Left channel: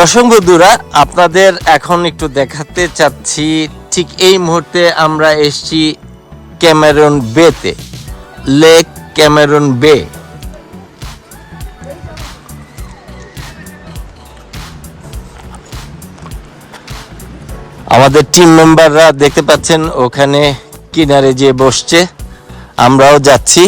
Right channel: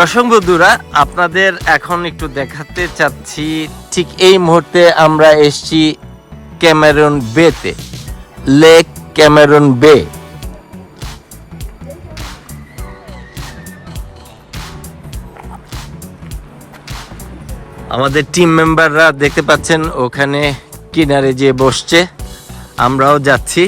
দর্শক বন্ধুরা, আপনাদের এখন একটু দেখাতে চাচ্ছি ঠিক এই মুহূর্তে আমরা এসেছি ক্যামেরন বেতে, লেক ক্যামেরন বে। আমাদের টিম মেম্বাররা দেখতে পাচ্ছেন ওখানে কিনারে যেয়ে বসছে, আমরাও যাচ্ছি।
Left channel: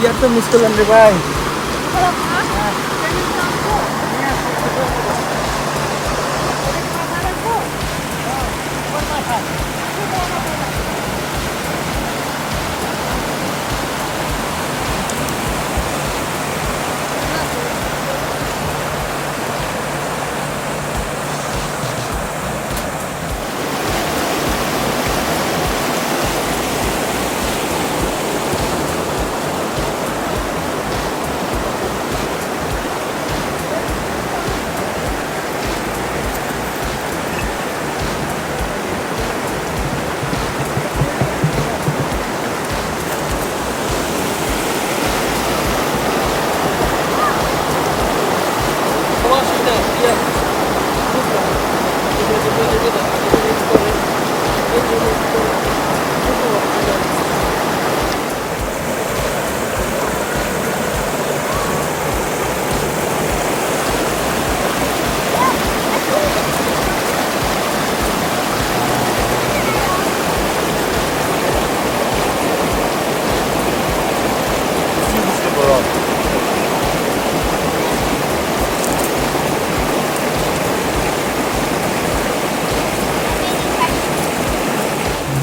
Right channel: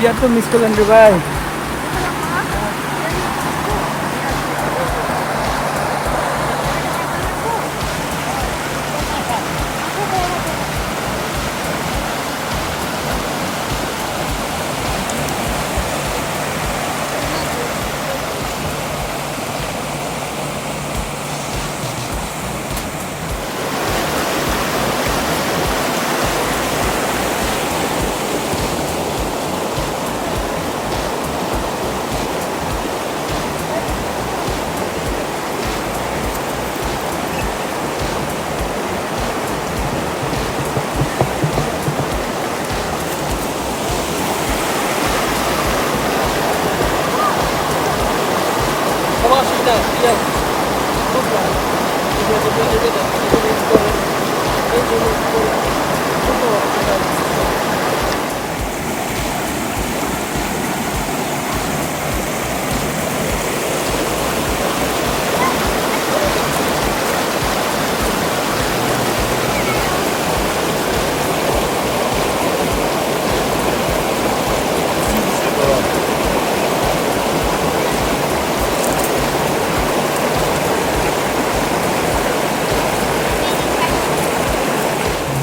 Dia tuh miskilan di bawah.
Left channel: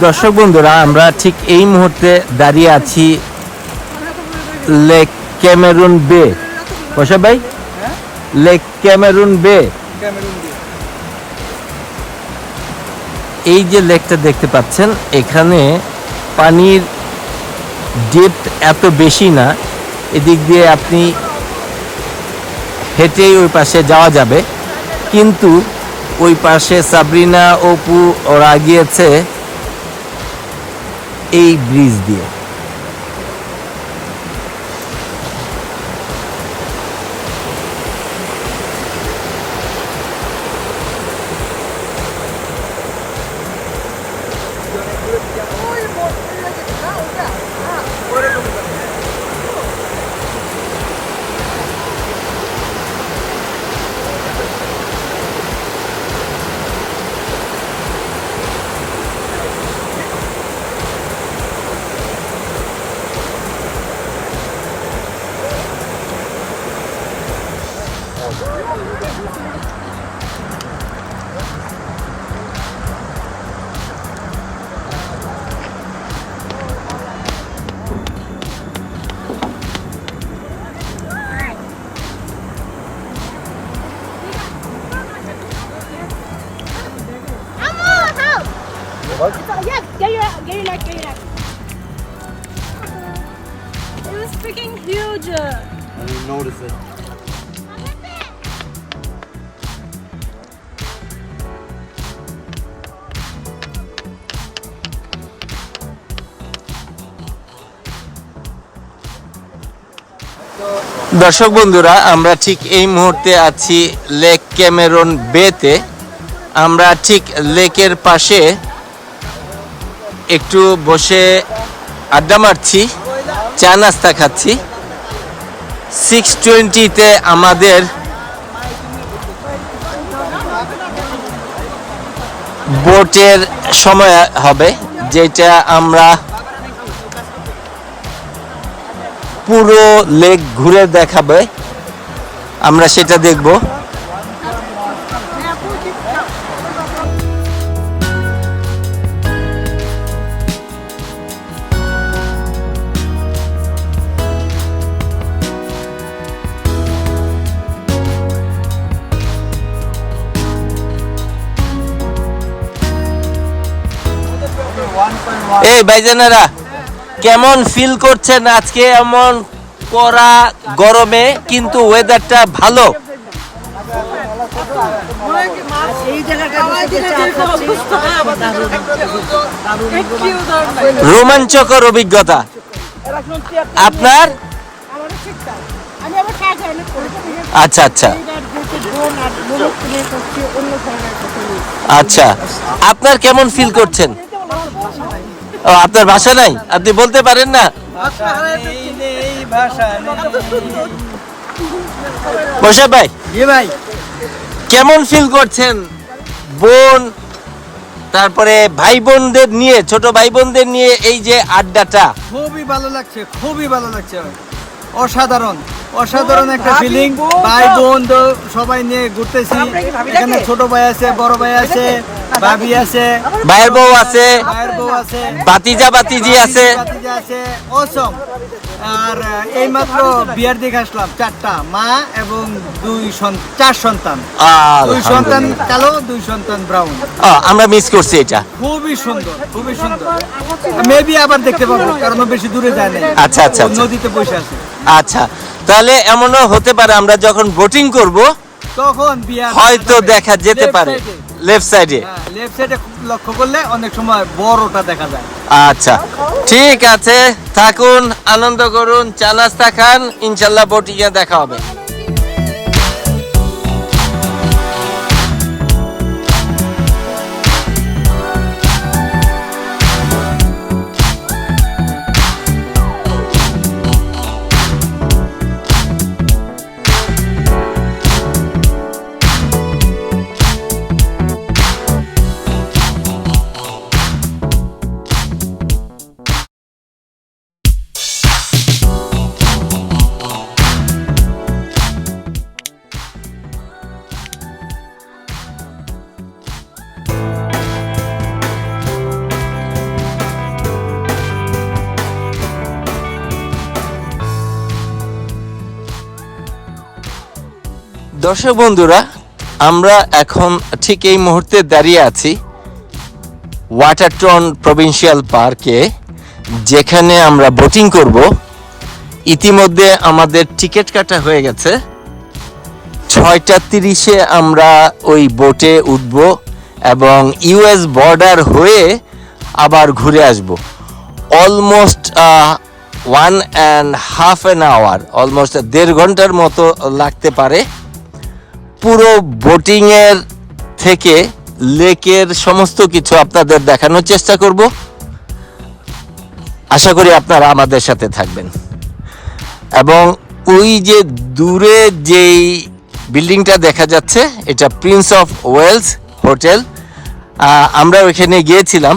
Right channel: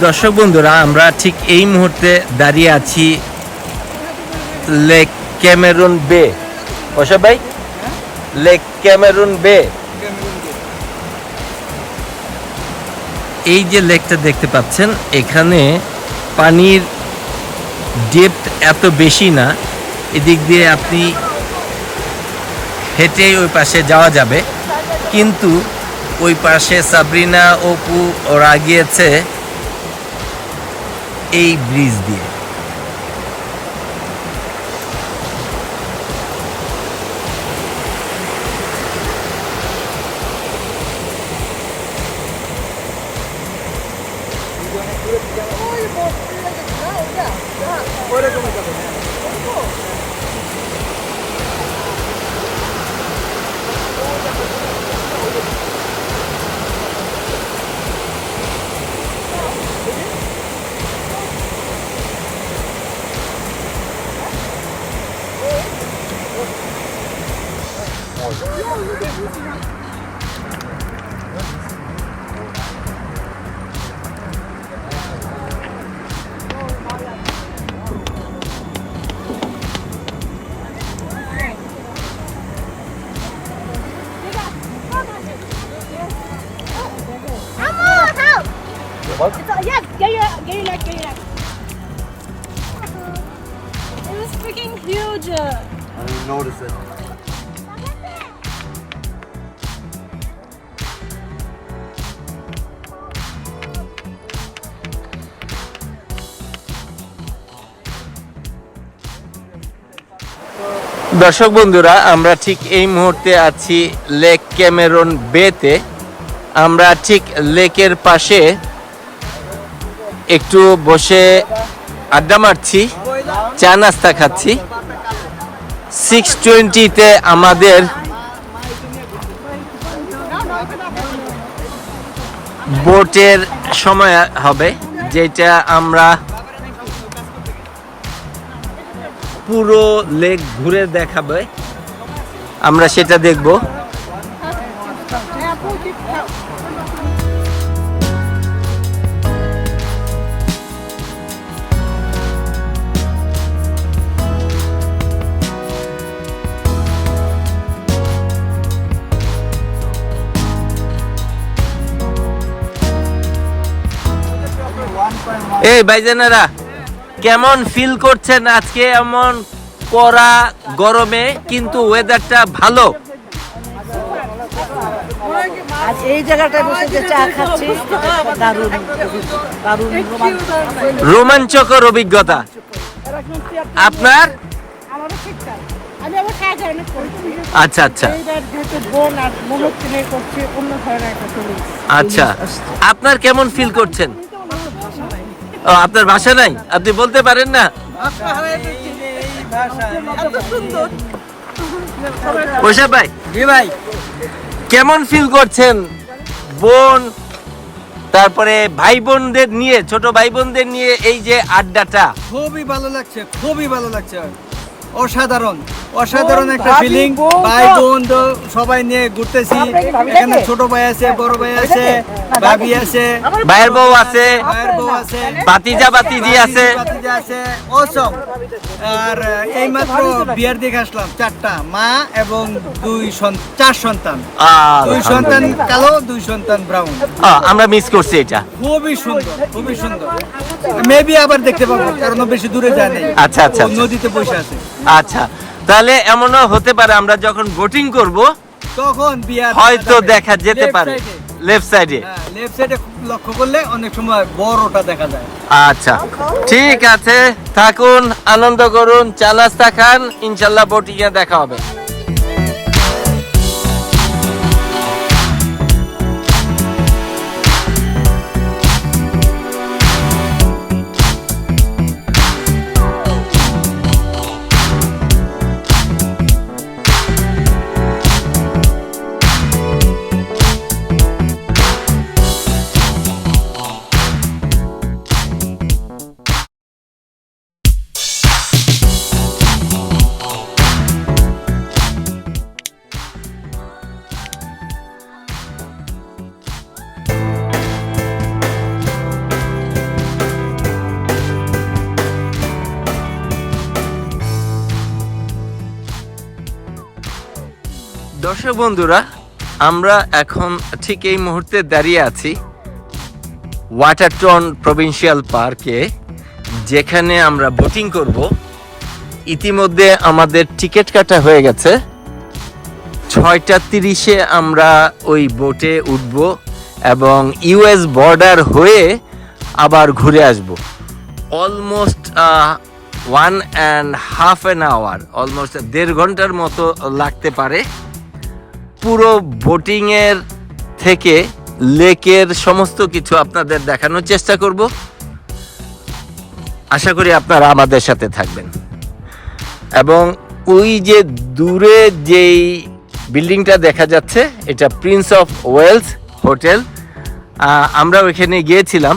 দর্শক বন্ধুরা, আমরা ঠিক এই মুহূর্তে দাঁড়িয়ে আছি লেক ক্যামেরন বে। বসা ভাই, লেক ক্যামেরন বে। এই যে লেকটা দেখতে পাচ্ছেন, এখানে পানির ডেপথ এত বেশি না, এদিক দিয়ে আপনি হেঁটেই ওই পাশে যাওয়া যাবে, কিন্তু ওই পাশে সাবরিনা, অপু ওরা গিয়েছে এই ব্রিজ দিয়ে। Get your neck. It was freaking huge. I didn't notice it. দর্শক বন্ধুরা, আমরা ঠিক এই মুহূর্তে আছি লেক ক্যামেরন বেতে। আমরা ঠিক লেকের পাশে একটু বসে আড্ডা মারছি, চা নাস্তা খাচ্ছি। 6:20-তে আমাদের বোটের সময় হবে, যেটা আমরা পুরো লেক ঘুরে দেখাবে, আমরা সেটা দেখব। এই ভাইজানেরা কেমন ফিল করছেন আজকে এমন কড়া গরমে কিন্তু ওয়েদারটা ভালো? এই জায়গাটায় বসে যে চা খাচ্ছি দারুণ দারুণ রোমাঞ্চকর অভিজ্ঞতা। আপনার? আমারও ঠিক তাই। আমি আবার কাজ অনেক করেছি। আচ্ছা আচ্ছা এইবার যেহেতু বোন আর বোনের ছেলে করছি অন্য ধরনের একটা জিনিস। আচ্ছা, আপনার কেমন ফিল করছেন? ও, আপনার ভাষা নাই, আপনি বলতে পারেন না? মোশাররফ ভাই, জি ভাই, কেমন ফিল করছেন বোন তারপরে ভাই বোনদের নিয়ে, ছোট ভাই বোনদের নিয়ে এই যে আড্ডাটা? খুবই ভালো লাগছে, খুবই ভালো লাগছে। অসাধারণ অসাধারণ একটা ফিলিং। ভাই বোন তো সবাই নিয়ে ঘুরতেছি। এখানে ছোট ভাই আছে, বড় ভাই আছে, ভাবি আছে, ভাইয়ের বউ আছে, ভাইয়ের বউ আছে, বাতিজা বাতিজি আছে। ভাতিজা আছে। অসম। আর এইমাত্র বিয়ার দেখে আসলাম, 4টা মা এবং 4 সন্তান। 2 সন্তান কালো, 2 সন্তান ব্রাউন। আমরা মিস করছি এটা। খুবই সুন্দর, খুবই সুন্দর। মেবি আবার দেখতে পাবো, কারণ ও বেশি দূরে যায় নাই। আচ্ছা, আচ্ছা, ও আচ্ছা। নদীতে বসে আছে। আচ্ছা, তাহলে এমনও হতে পারে আমরা যখন বোটিং করব তখন বিয়ার হয়তো দেখা যেতে পারে লেফট সাইডে। লেফট সাইডে লক্ষ্য করলে অনেক সময় বড়টা দেখা যায়। আচ্ছা, ঠিক আছে, থাকুন, আনন্দ করুন, চা নাস্তা খান, ইনশাল্লাহ বোটিংয়ে দেখা হবে। দর্শক বন্ধুরা, আমরা এখন ঠিক এই মুহূর্তে দাঁড়িয়ে আছি ওয়াটারটন প্রভিন্সিয়াল পার্কে, যেখানে আমরা বোটিং করব। ইতিমধ্যে আমাদের টিকিট কাটা হয়ে গেছে। 6:30-এ আমরা ওই বোটে উঠব এবং ইউএস বর্ডার হয়ে আবার ঘুরে আসব। অলমোস্ট 1.5 hour, অলমোস্ট 1.5 ঘন্টার মতো লাগতে পারে। পুরো বোটিংয়ের থেকে লেকের সমস্ত কিছু আপনাদের দেখানোর চেষ্টা করব। আশা করি আপনারা আমাদের সাথে থাকবেন। এবং ওই যে দূরে যেই বিল্ডিংটা দেখা যাচ্ছে, এটা প্রিন্স অফ ওয়েলস হোটেল। আমরা ওইখানে গিয়েছিলাম,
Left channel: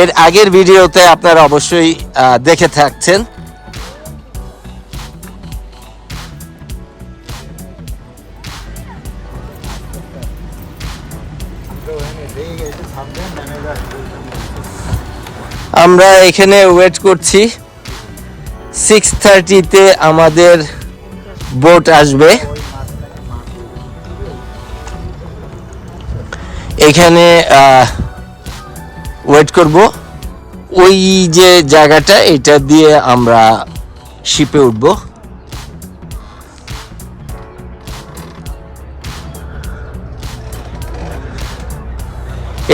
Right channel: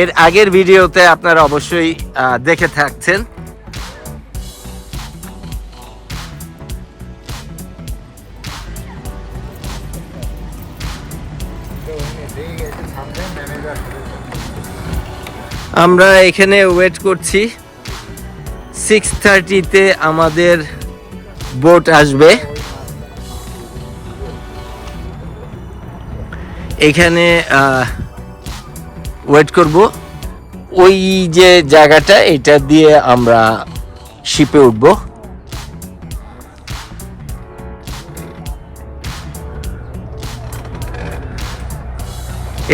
এর আগের ভিডিওতে আপনারা অবশ্যই দেখে থাকছেন। আমরা এখানে ওয়েট করছি, 6:30-তে আমাদের বোট আসবে। এখানে ওয়েট করব। ওই যে জায়গাটা, এটা দিয়ে আমরা শিপে উঠব।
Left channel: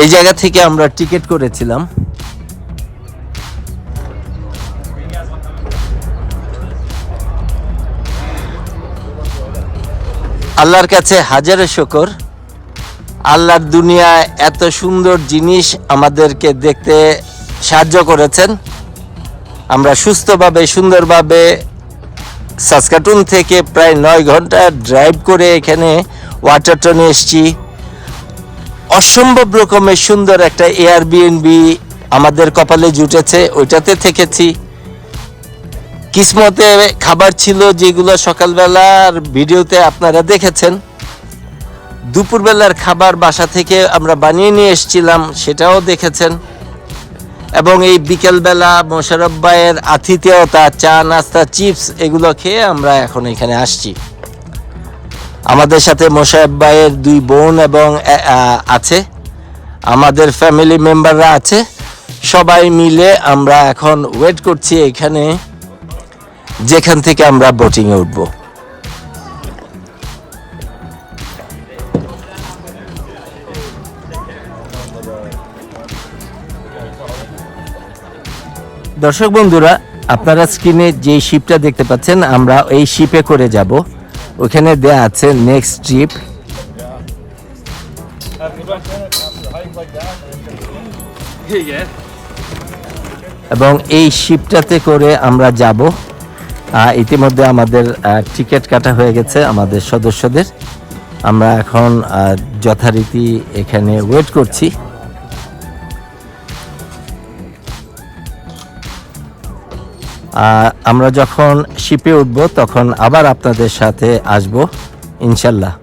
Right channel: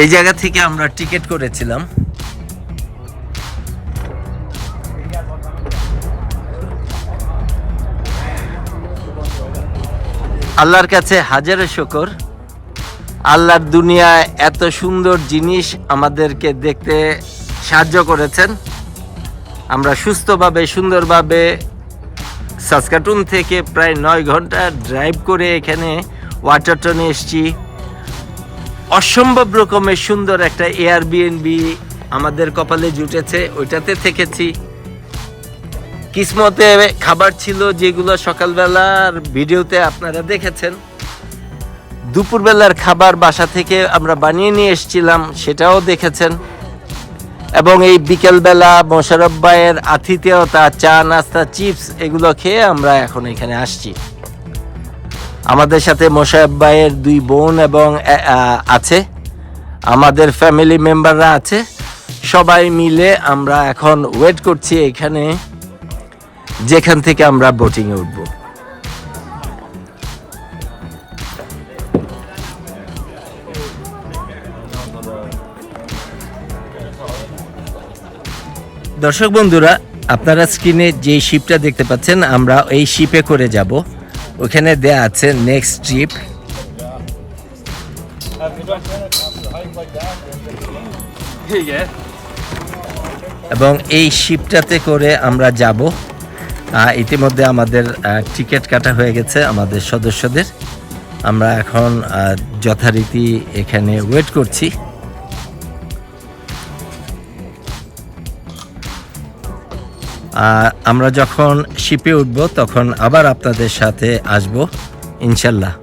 এই জায়গা থেকে আমরা টিকিট করেছিলাম। আল্লাহর কাছে হাজারো শুকর, আল্লাহর দুনিয়ায় এত সুন্দর জিনিস আমাদেরকে দেখতে সাহায্য করেছেন। আমরা সুস্থভাবে সুন্দরভাবে সাসকাটুন থেকে প্রায় 9 ঘন্টা ড্রাইভ করে এখানে ওয়াটারটনে এসেছি। অসম্ভব রকমের সুন্দর একটা এয়ারবিএনবি আমাদের কপালে জুটেছে, ওইটাতে থেকেছি। কিসমতে খাবার ছিল যেগুলো সকালবেলার ভিডিওতে আপনারা দেখেছেন। দুপুরবেলার খাবার বাসা থেকে আমরা বানিয়ে নিয়ে এসেছিলাম, সেটাও দেখেছেন। এবং এই বিকেলবেলা মোশাররফ ভাইয়ের আতিথেয়তা, চা নাস্তা, চিপস, এগুলো খেয়ে আমরা এখন এখানে আসছি। আমাদের সাথে মোশাররফ ভাইয়ের 2 বোন এবং আছে, আমাদের ফ্যামিলি মেম্বাররা আছে। সবাই মিলে আমরা এখন ওয়েট করছি এখানে, যেখান থেকে আমরা বোটিংয়ে উঠবো। দর্শক বন্ধুরা, আপনারা স্ক্রিনে যে শিপটা দেখতে পাচ্ছেন, আমরা এই শিপে করে যাব। ওখানে দেয়া আছে নেক্সট ট্রিপ। এবং এই শিপটাতে করে আমরা যাব। ইতিমধ্যে আমাদের টিকিট কাটা হয়ে গেছে আমাদের সদস্যদের। আমরা এখন যথারীতি এখানে ওয়েট করছি। আমরা যখন শিপে উঠব তখন আবার আপনাদের সাথে আসব ইনশাল্লাহ।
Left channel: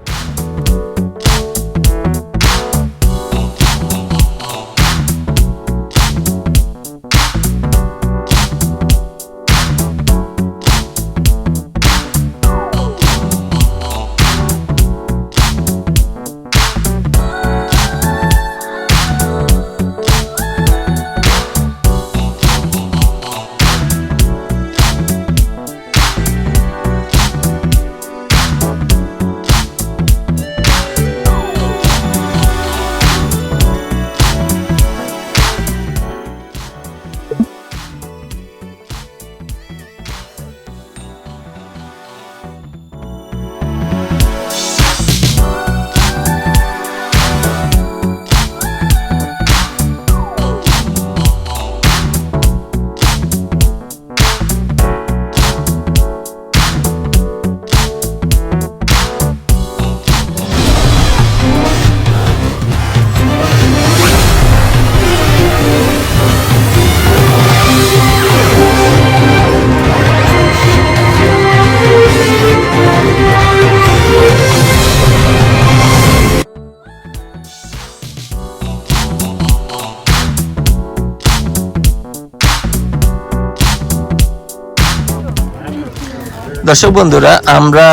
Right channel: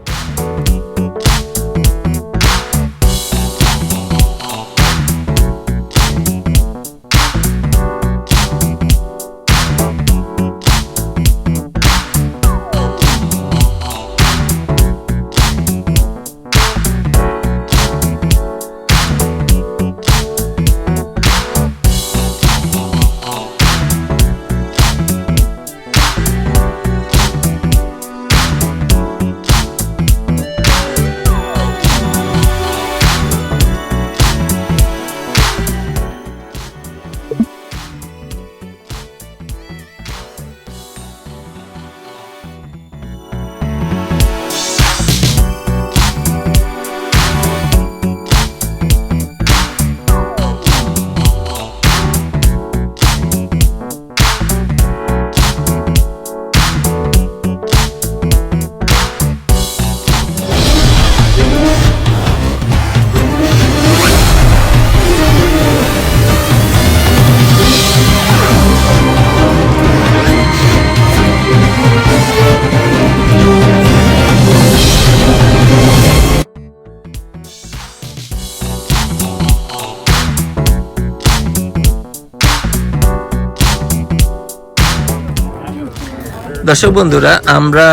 দর্শক বন্ধুরা, আমরা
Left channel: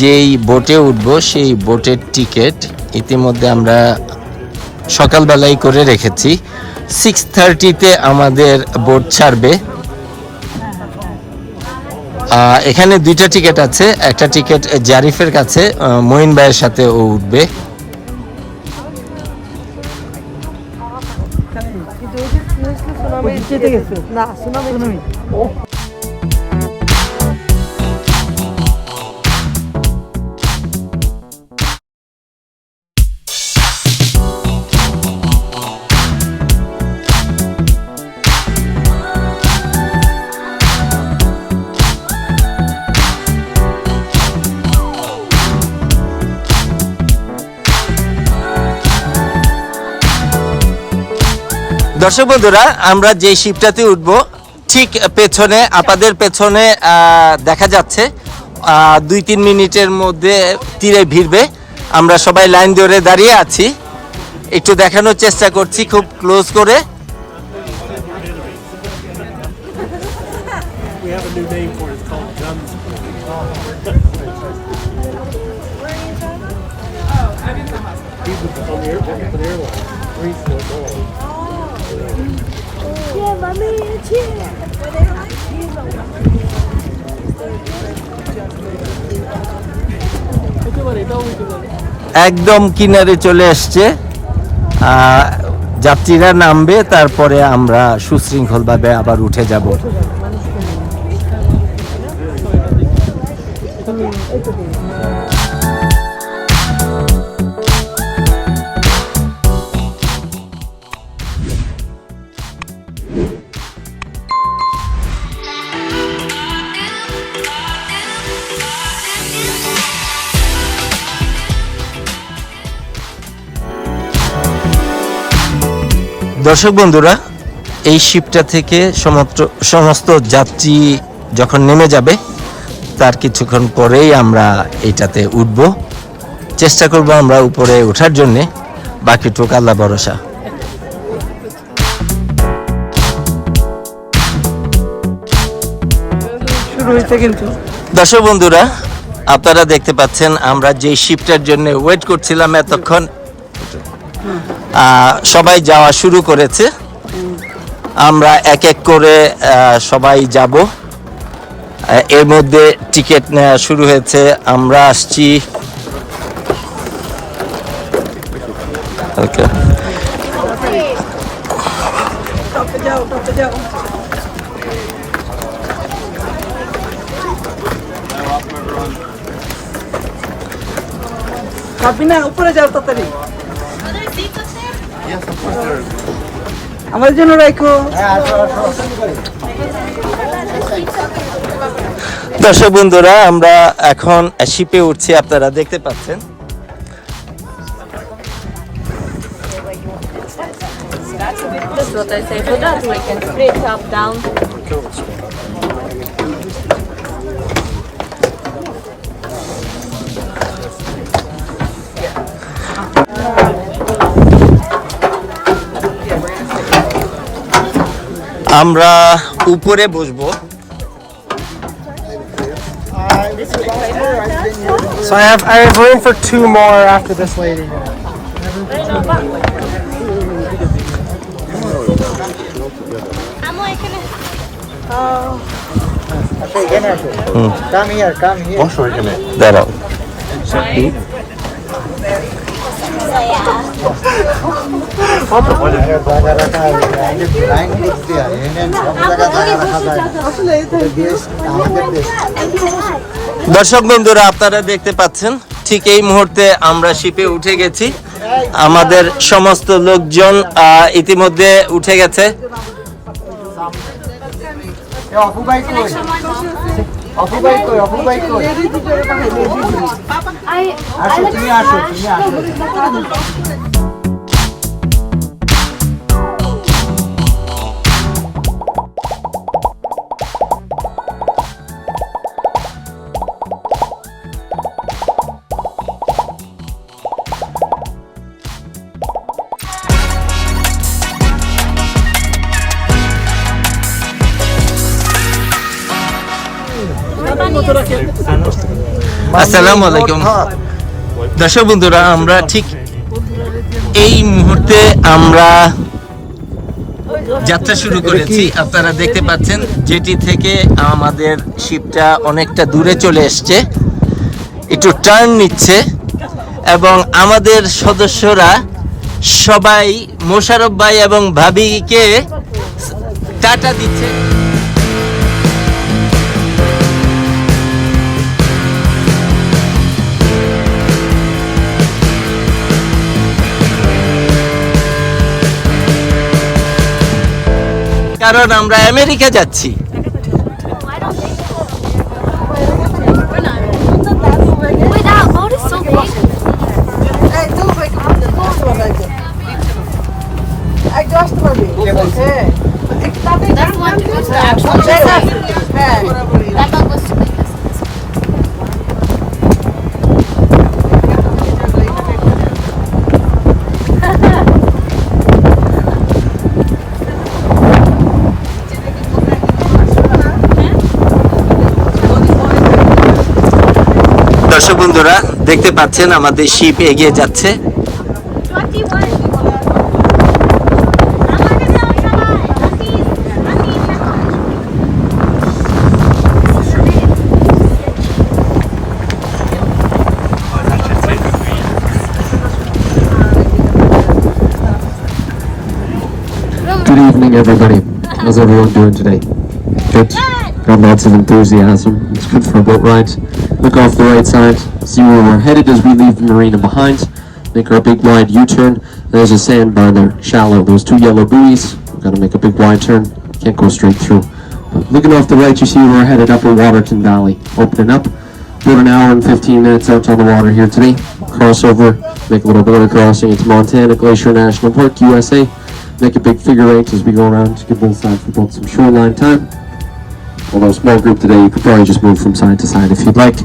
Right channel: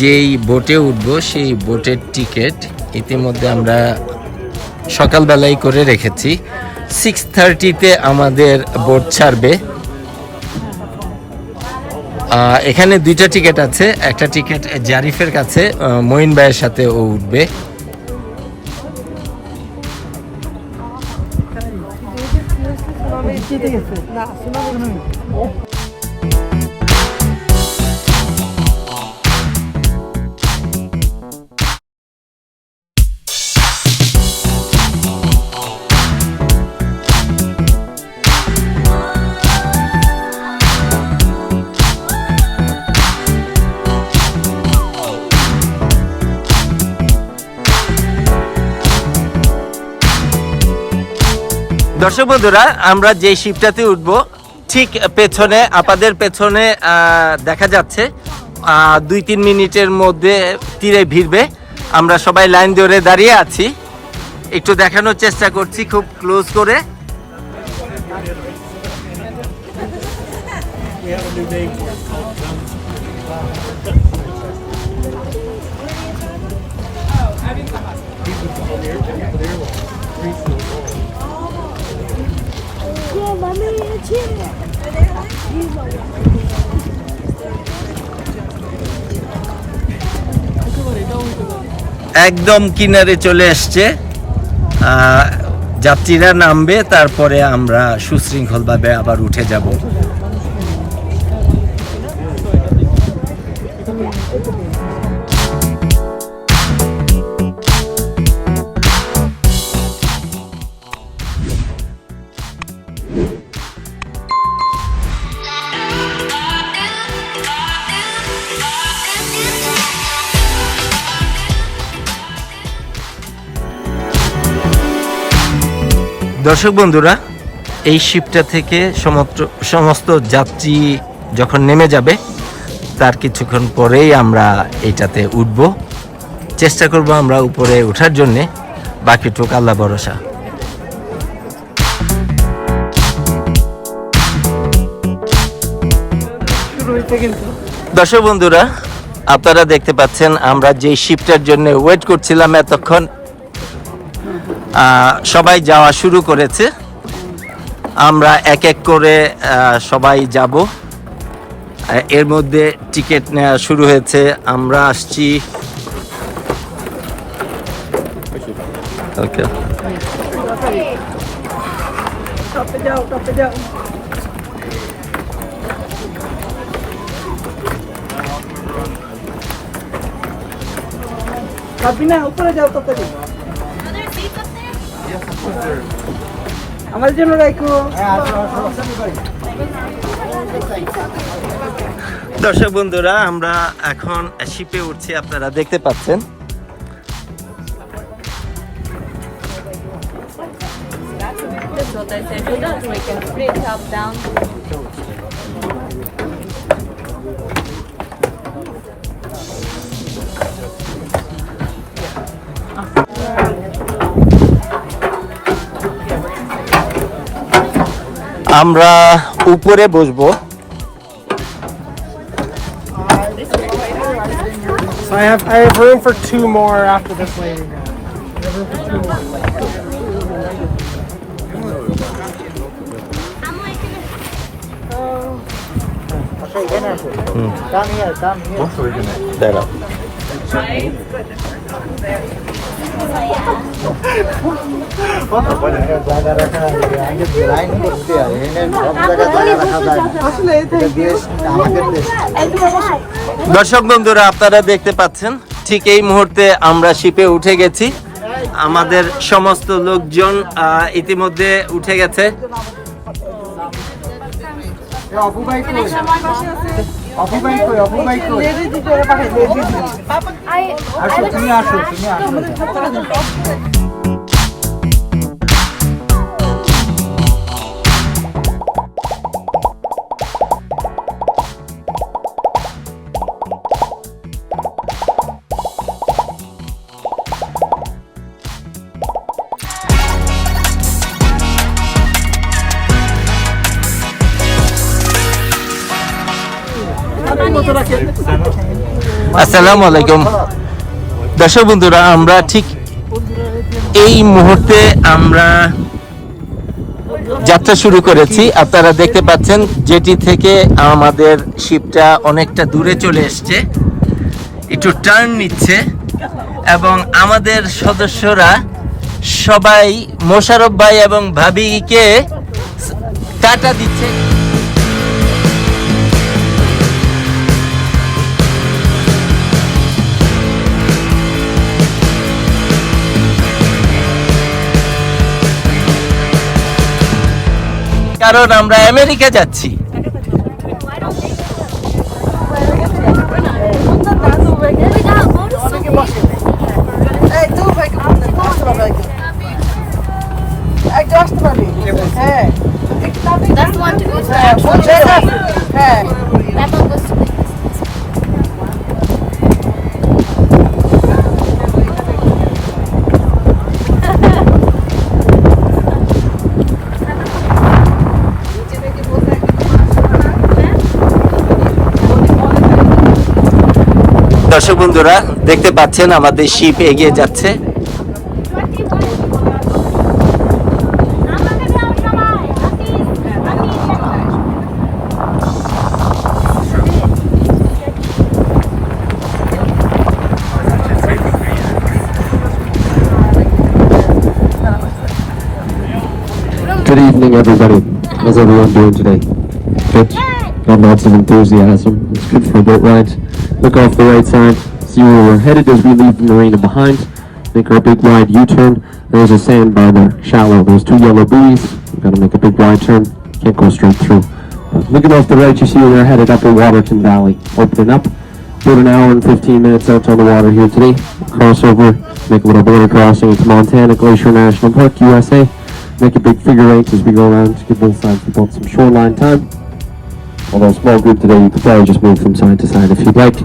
যেই বোটে উঠবো সেই বোটের টিকিট ইতিমধ্যে আমরা সকালবেলায় করে রেখেছি। 6:30-তে আমাদের বোট ছাড়বে। এখানে দুইটা টিকিট আছে। একটা টিকিট জারিফের কাছে, মঈন ভাইয়ের সাথে ও উঠবে। দর্শক বন্ধুরা, আমরা যে শিপটাতে উঠবো ঠিক পেছনে, আপাদের পেছনে দেখা যাচ্ছে 2-3 মিনিটের মধ্যে তীরে ভিড়বে। আমরা সবাই লাইন ধরে দাঁড়িয়ে আছি, একটু দেখানোর চেষ্টা করছি খুব ক্লোজ করে। একদম কিনারে চলে আসছে, যাত্রীরা নামবে, তারপরে আমরা সুশৃঙ্খলভাবে আবার উঠে যাব। দর্শক বন্ধুরা, এই শিপটা থেকে সমস্ত যাত্রী যখন নেমে যাবে তার কিছুক্ষণ পরেই আমরা এইটাতে উঠব। চেষ্টা করব আমরা উপরে ওঠার জন্যে, বাকিটুকু আল্লাহ ভরসা। দর্শক বন্ধুরা, আপনারা দেখতে পাচ্ছেন আমরা যে শিপটার জন্য ওয়েট করছিলাম এতক্ষণ, সবাই যাওয়া শুরু করেছে। আমরা এক এক করে সবাই যাব। এর মধ্যে টিকিট নেওয়া শুরু হয়েছে। আমরা আসছি ওকে উপরে যাও তাড়াতাড়ি আমার জন্য রাখো। দর্শক বন্ধুরা, আমরা এখন শিপে উঠছি, আপনারা দেখতে পাচ্ছেন। What I say for that, we can straight up, down. আমরা উপরে বসবো। So I have room for 2 more after this lady. Come here, come here. দাঁড়াও। দর্শক বন্ধুরা, আপনারা দেখতে পাচ্ছেন ঠিক এই মুহূর্তে আমরা শিপে উঠে গেছি। আমাদের সমস্ত লোকজন ইতিমধ্যে উঠে গেছে। আসসালামু আলাইকুম। দর্শক বন্ধুরা, আমরা ঠিক এই মুহূর্তে আমরা যাত্রা শুরু করেছি। আপনারা দেখতে পাচ্ছেন যেটি থেকে আমাদের শিপটা অনেকটা দূরে চলে এসছে, একটু টার্ন নিচ্ছে এবং আমাদের সদস্যরা সবাই মোশারফ ভাই এবং ভাবিকে টাটা দিচ্ছে। কারণ আমরা আমেরিকা যাচ্ছি। That's the one to go to the actual That one goes to the দর্শক বন্ধুরা, দেখতে পাচ্ছেন আমাদের শিপ এগিয়ে যাচ্ছে। Good evening, everybody. How's everyone doing today? Good. Got lots of enthusiasm. It's good for a boat ride. Look off the right side. See where we're headed as we leave the marina behind. Make our big wide U-turn. There's a sandbar there, shallow. There's 2 yellow buoys. We've got to make a big wide turn. Can't go straight through. But looking off the right, you see we're headed Upper Waterton Valley. Opening up. About an hour and 15 minutes out on the water here today. Cross over. Make a little border crossing into Montana, Glacier National Park, USA. Make a big figure eight as we go around to give both sides people some shoreline time. Although a small group today, you could probably just move from side to side if you'd like.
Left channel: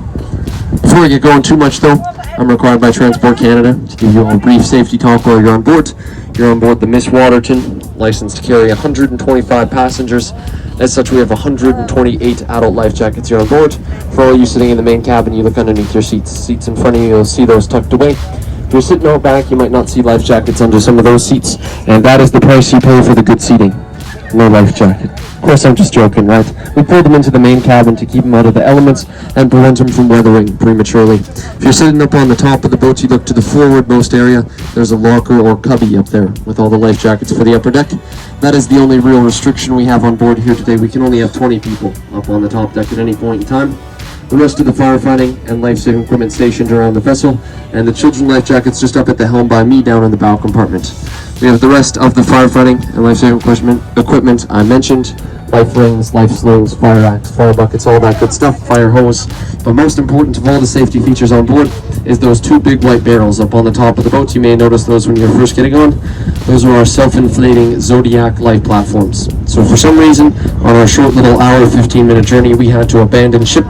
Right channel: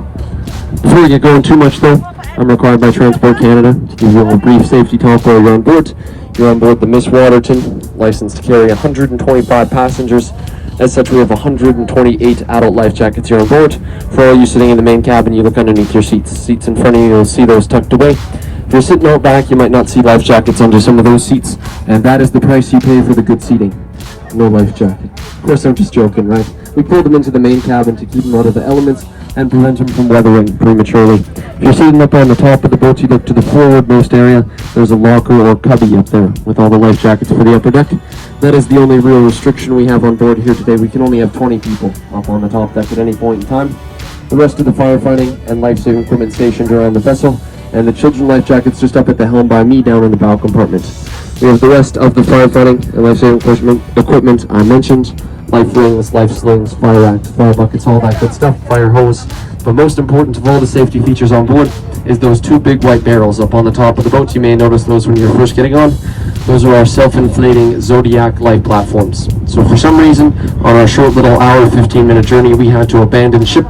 Before we get going too much though, I'm required by Transport Canada to give you a brief safety talk while you're on board. You're on board the Miss Waterton, licensed to carry 125 passengers. As such, we have 128 adult life jackets here on board. For all you sitting in the main cabin, you look underneath your seats. Seats in front of you, you'll see those tucked away. If you're sitting out back, you might not see life jackets under some of those seats, and that is the price you pay for the good seating. no life jacket. Of course, I'm just joking, right? We pulled them into the main cabin to keep them out of the elements and prevent them from weathering prematurely. If you're sitting up on the top of the boat, you look to the forwardmost area. There's a locker or cubby up there with all the life jackets for the upper deck. That is the only real restriction we have on board here today. We can only have 20 people up on the top deck at any point in time. The rest of the firefighting and life-saving equipment stationed around the vessel, and the children's life jackets just up at the helm by me down in the bow compartment. We have the rest of the firefighting and life-saving equipment I mentioned: life rings, life slings, fire racks, fire buckets, all that good stuff, fire hose. But most important of all the safety features on board is those two big white barrels up on the top of the boat. You may notice those when you're first getting on. Those are our self-inflating Zodiac life platforms. So for some reason, on our short little hour, 15-minute journey, we had to abandon ship.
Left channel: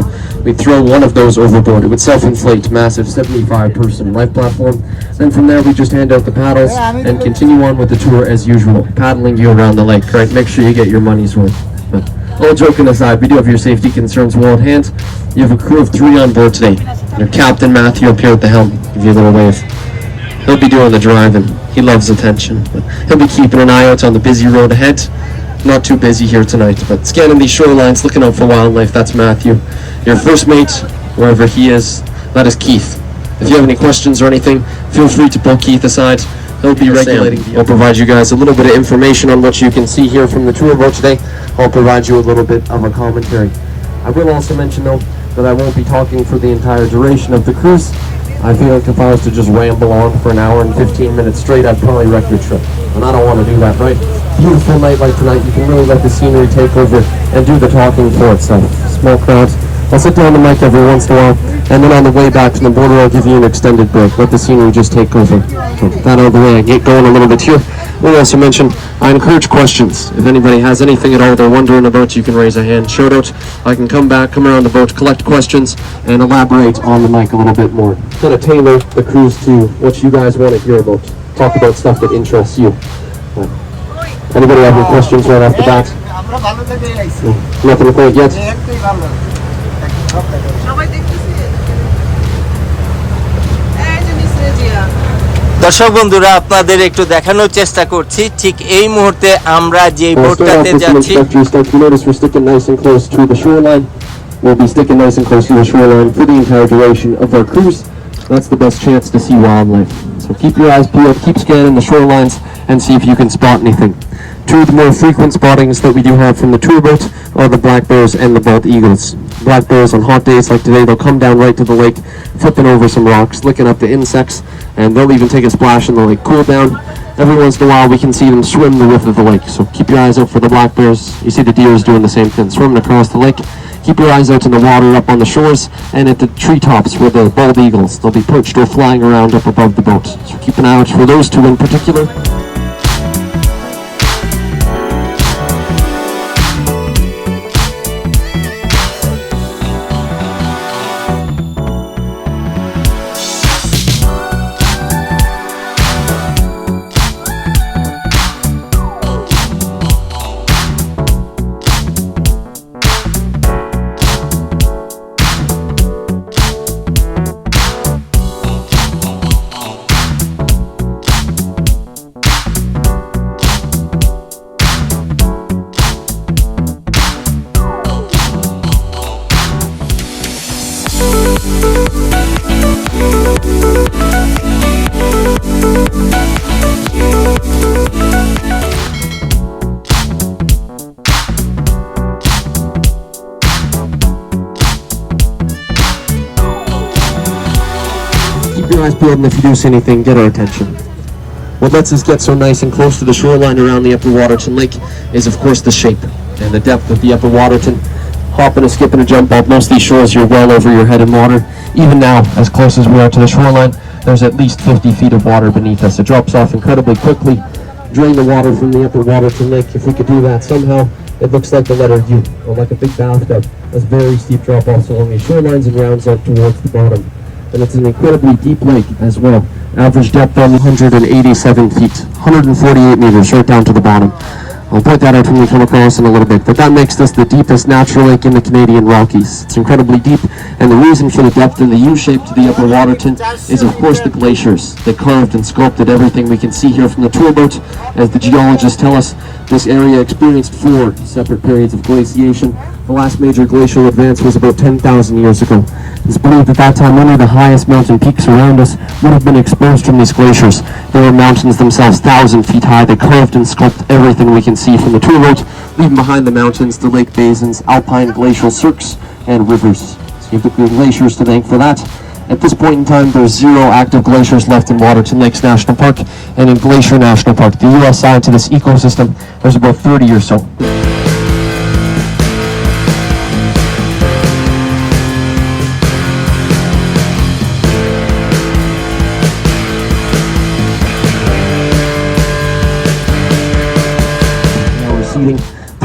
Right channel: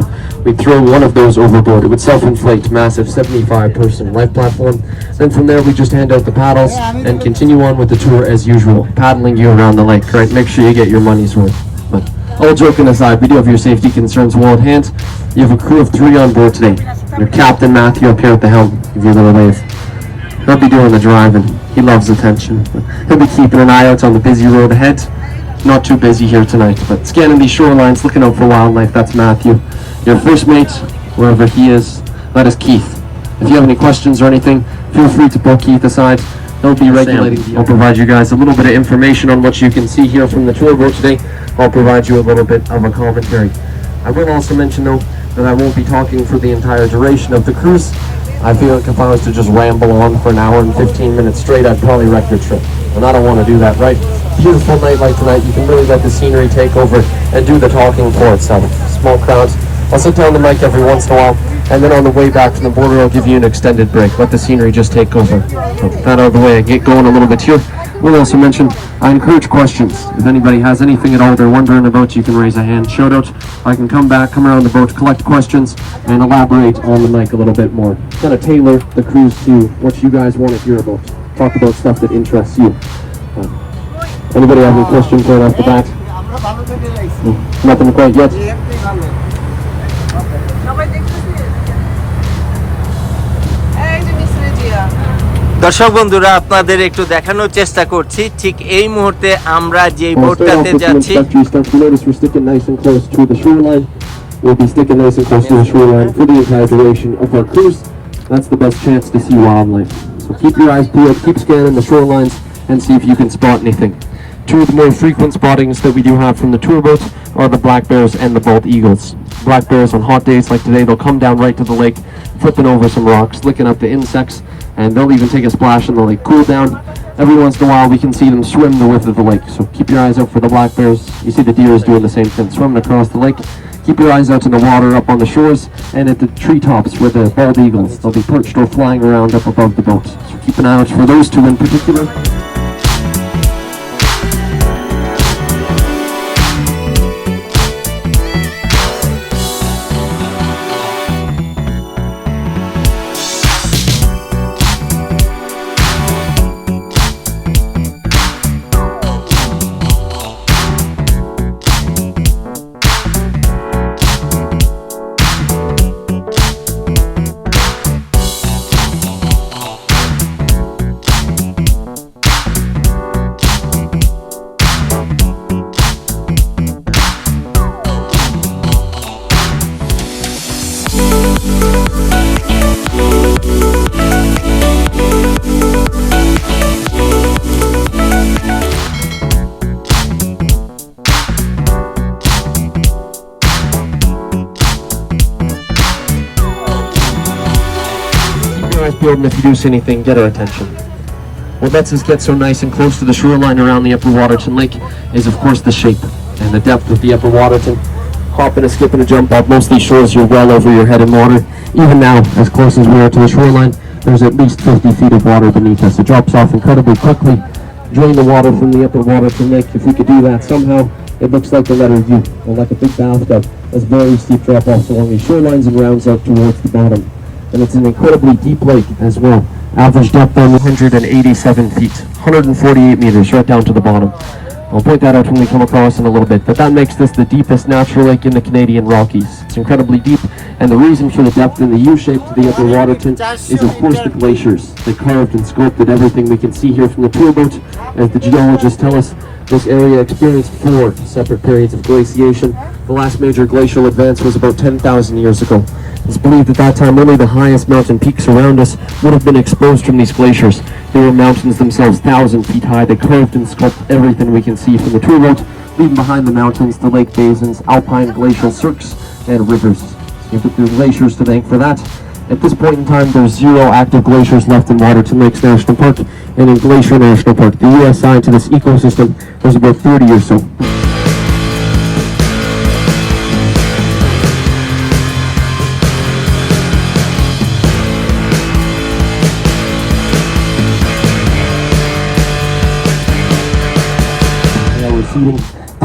We'd throw one of those overboard. It would self-inflate, massive 75-person life platform. Then from there, we just hand out the paddles and continue on with the tour as usual, paddling you around the lake, right? Make sure you get your money's worth. But all joking aside, we do have your safety concerns well at hand. You have a crew of 3 on board today. Your captain, Matthew, up here at the helm. Give you a little wave. He'll be doing the driving. He loves attention. But he'll be keeping an eye out on the busy road ahead. Not too busy here tonight, but scanning these shorelines, looking out for wildlife. That's Matthew. Your first mate, wherever he is, that is Keith. If you have any questions or anything, feel free to pull Keith aside. He'll be regulating. I'll provide you guys a little bit of information on what you can see here from the tour boat today. I'll provide you a little bit of a commentary. I will also mention, though, that I won't be talking for the entire duration of the cruise. I feel like if I was to just ramble on for an hour and 15 minutes straight, I'd probably wreck your trip. And I don't want to do that, right? Beautiful night like tonight, you can really let the scenery take over and do the talking for itself. Small crowds. I'll sit down the mic every once in a while, and then on the way back from the border, I'll give you an extended break. Let the scenery just take over. So that out of the way, get going a little bit here. We'll also mention, I encourage questions. If anybody has anything at all they're wondering about, you can raise a hand, shout out. I can come back, come around the boat, collect questions, and elaborate on the mic a little bit more. Kind of tailor the cruise to what you guys want to hear about. Talk about stuff that interests you. Anybody have any questions right off the bat? Nothing quite yet? দর্শক বন্ধুরা, আপনাদের একটু দেখানোর চেষ্টা করছি ঠিক এই মুহূর্তে আমরা যে বোটটাতে যাচ্ছি। We'll be sticking nice and close to the shoreline for the entire duration of our cruise. That's the best chance to see wildlife. So keep your eyes peeled, keep scanning the shorelines, and see if you can spot anything. Two of the more frequent spottings that we do have from the tour boat are the black bears and the bald eagles. Black bears on hot days like today, they'll come down right to the lake, flipping over some rocks, licking up the insects, and they'll even take a splash in the lake, cool down. Every once in a while we can see them swim the width of the lake, so keep your eyes out for the black bears. You see the deers doing the same thing, swimming across the lake. Keep your eyes out in the water up on the shores and at the treetops where the bald eagles, they'll be perched or flying around up above the boat. So keep an eye out for those two in particular. And if you do see anything, get our attention. What lets us get so nice and close to the shoreline around the Upper Waterton Lake is, of course, the shape and the depth of the Upper Waterton. Hopping and skipping a jump off most of these shores, you're well over your head in water. Even now, as close as we are to the shoreline, there's at least 50 feet of water beneath us. It drops off incredibly quickly. Drain the water from the Upper Waterton Lake. If we could do that somehow, it looks like the letter U, or like a big bathtub. There's very steep drop-offs along these shorelines and rounds up towards the bottom. And it's an incredibly deep lake as well. Average depth on 187 feet, 148 meters right down to the bottom. I'll point that out when we come across in a little bit, but that makes this the deepest natural lake in the Canadian Rockies. It's incredibly deep, and the reason for the depth and the U-shape to the Upper Waterton is of course the glaciers. They carved and sculpted everything we can see here from the tour boat. As the geologists tell us, this area experienced 4 separate periods of glaciation. The last major glacial advance was about 10,000 years ago. It's believed at that time only the highest mountain peaks around us would have been exposed from these glaciers. They were mountains themselves 1,000 feet high. They carved and sculpted everything we can see from the tour boat, leaving behind the mountains, the lake basins, alpine glacial cirques, and rivers. So you have the glaciers to thank for that. At this point in time, there's 0 active glaciers left in Waterton Lakes National Park, and in Glacier National Park, the U.S. side to this ecosystem, there's about 30 or so.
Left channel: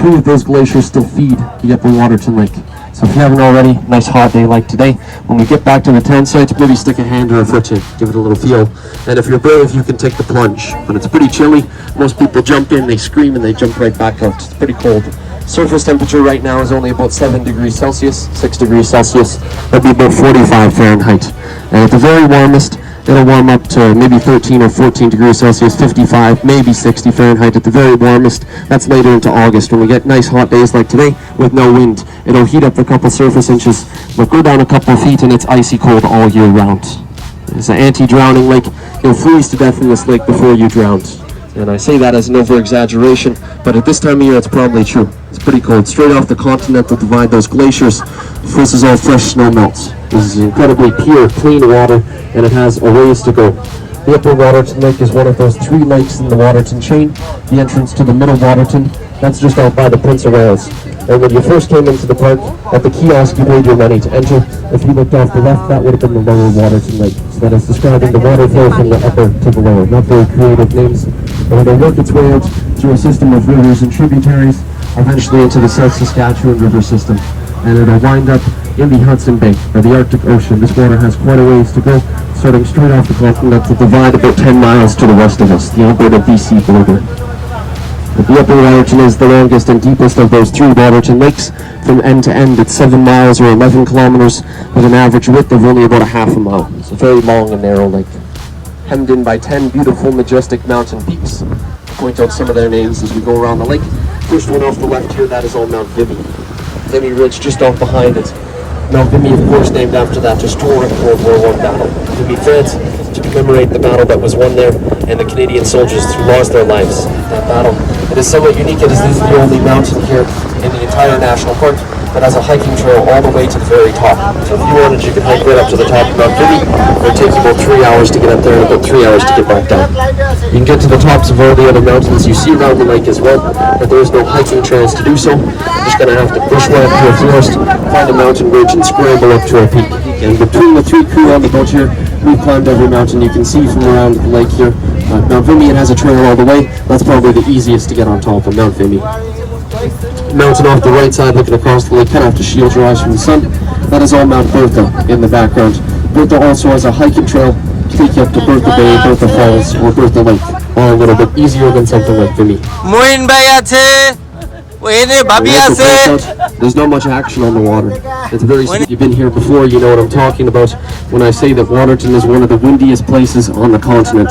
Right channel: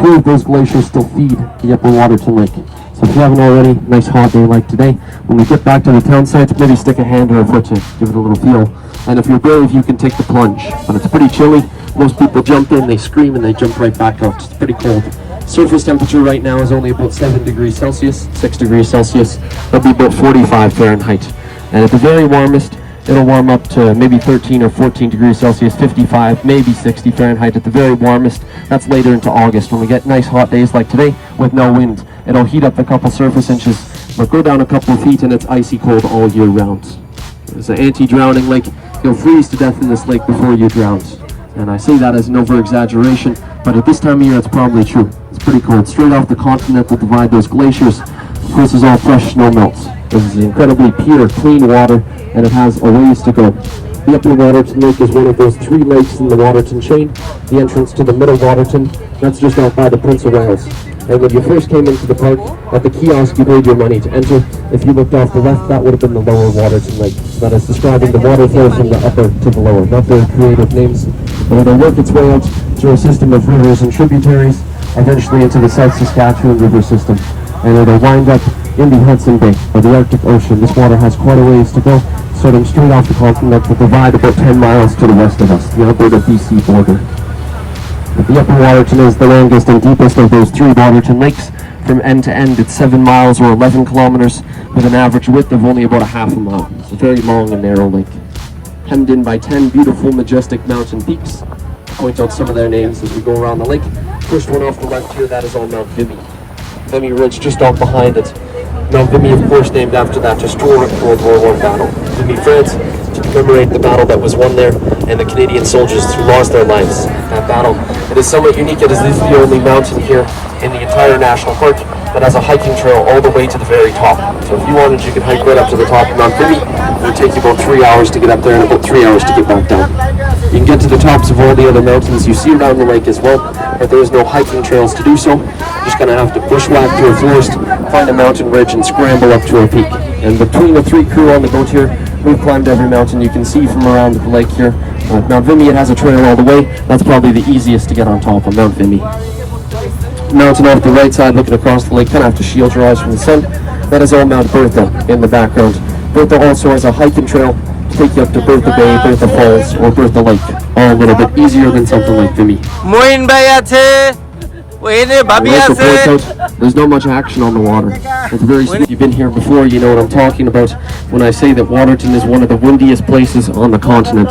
Two of those glaciers still feed the Upper Waterton Lake. So if you haven't already, nice hot day like today, when we get back to the tent site, maybe stick a hand or a foot in, give it a little feel. And if you're brave, you can take the plunge. When it's pretty chilly, most people jump in, they scream, and they jump right back out. It's pretty cold. Surface temperature right now is only about 7 degrees Celsius, 6 degrees Celsius. It'll be about 45 Fahrenheit. And at the very warmest, it'll warm up to maybe 13 or 14 degrees Celsius, 55, maybe 60 Fahrenheit at the very warmest. That's later into August when we get nice hot days like today with no wind. It'll heat up a couple surface inches, but go down a couple feet and it's icy cold all year round. It's an anti-drowning lake. You'll freeze to death in this lake before you drown. And I say that as an over-exaggeration, but at this time of year it's probably true. It's pretty cold. Straight off the continent that divide those glaciers, this is all fresh snow melts. This is incredibly pure, clean water, and it has a ways to go. The Upper Waterton Lake is one of those 3 lakes in the Waterton chain. The entrance to the Middle Waterton, that's just out by the Prince of Wales. And when you first came into the park, at the kiosk you paid your money to enter. If you looked off the left, that would have been the Lower Waterton Lake. So that is describing the water flow from the upper to the lower. Not very creative names. And it'll work its way out through a system of rivers and tributaries, eventually into the South Saskatchewan River system. And it'll wind up in the Hudson Bay, or the Arctic Ocean. This water has quite a ways to go, starting straight off the continent to divide about 10 miles to the west of us, the Alberta-BC border. But the Upper Waterton is the longest and deepest of those 3 Waterton lakes. From end to end, it's 7 miles or 11 kilometers, with an average width of only about a half a mile. It's a very long and narrow lake, hemmed in by 10 beautiful, majestic mountain peaks. I'll point out some of their names as we go around the lake. First one off the left here, that is all Mount Vimy. Vimy Ridge just off behind it. Mount Vimy, of course, named after that historic World War I battle. Vimy, France, to commemorate the battle that was won there and the Canadian soldiers who lost their lives in that battle. It is somewhat unique. It is the only mountain here in the entire national park that has a hiking trail all the way to the very top. So if you wanted, you could hike right up to the top of Mount Vimy. It would take you about 3 hours to get up there and about 3 hours to get back down. You can get to the tops of all the other mountains you see around the lake as well, but there is no hiking trails to do so. You're just going to have to bushwhack through a forest, find a mountain ridge, and scramble up to a peak. And between the 3 crew on the boat here, we've climbed every mountain you can see from around the lake here. Mount Vimy, it has a trail all the way. That's probably the easiest to get on top of Mount Vimy. Mountain off the right side looking across the lake, kind of have to shield your eyes from the sun. That is all Mount Bertha in the background. Bertha also has a hiking trail to take you up to Bertha Bay, Bertha Falls, or Bertha Lake. All a little bit easier than something like Vimy. Moin bhai ache, oine bhabi ache. There's not much action on the water. It's very steep. You've been here before, you know what I'm talking about when I say that Waterton is one of the windiest places on the continent.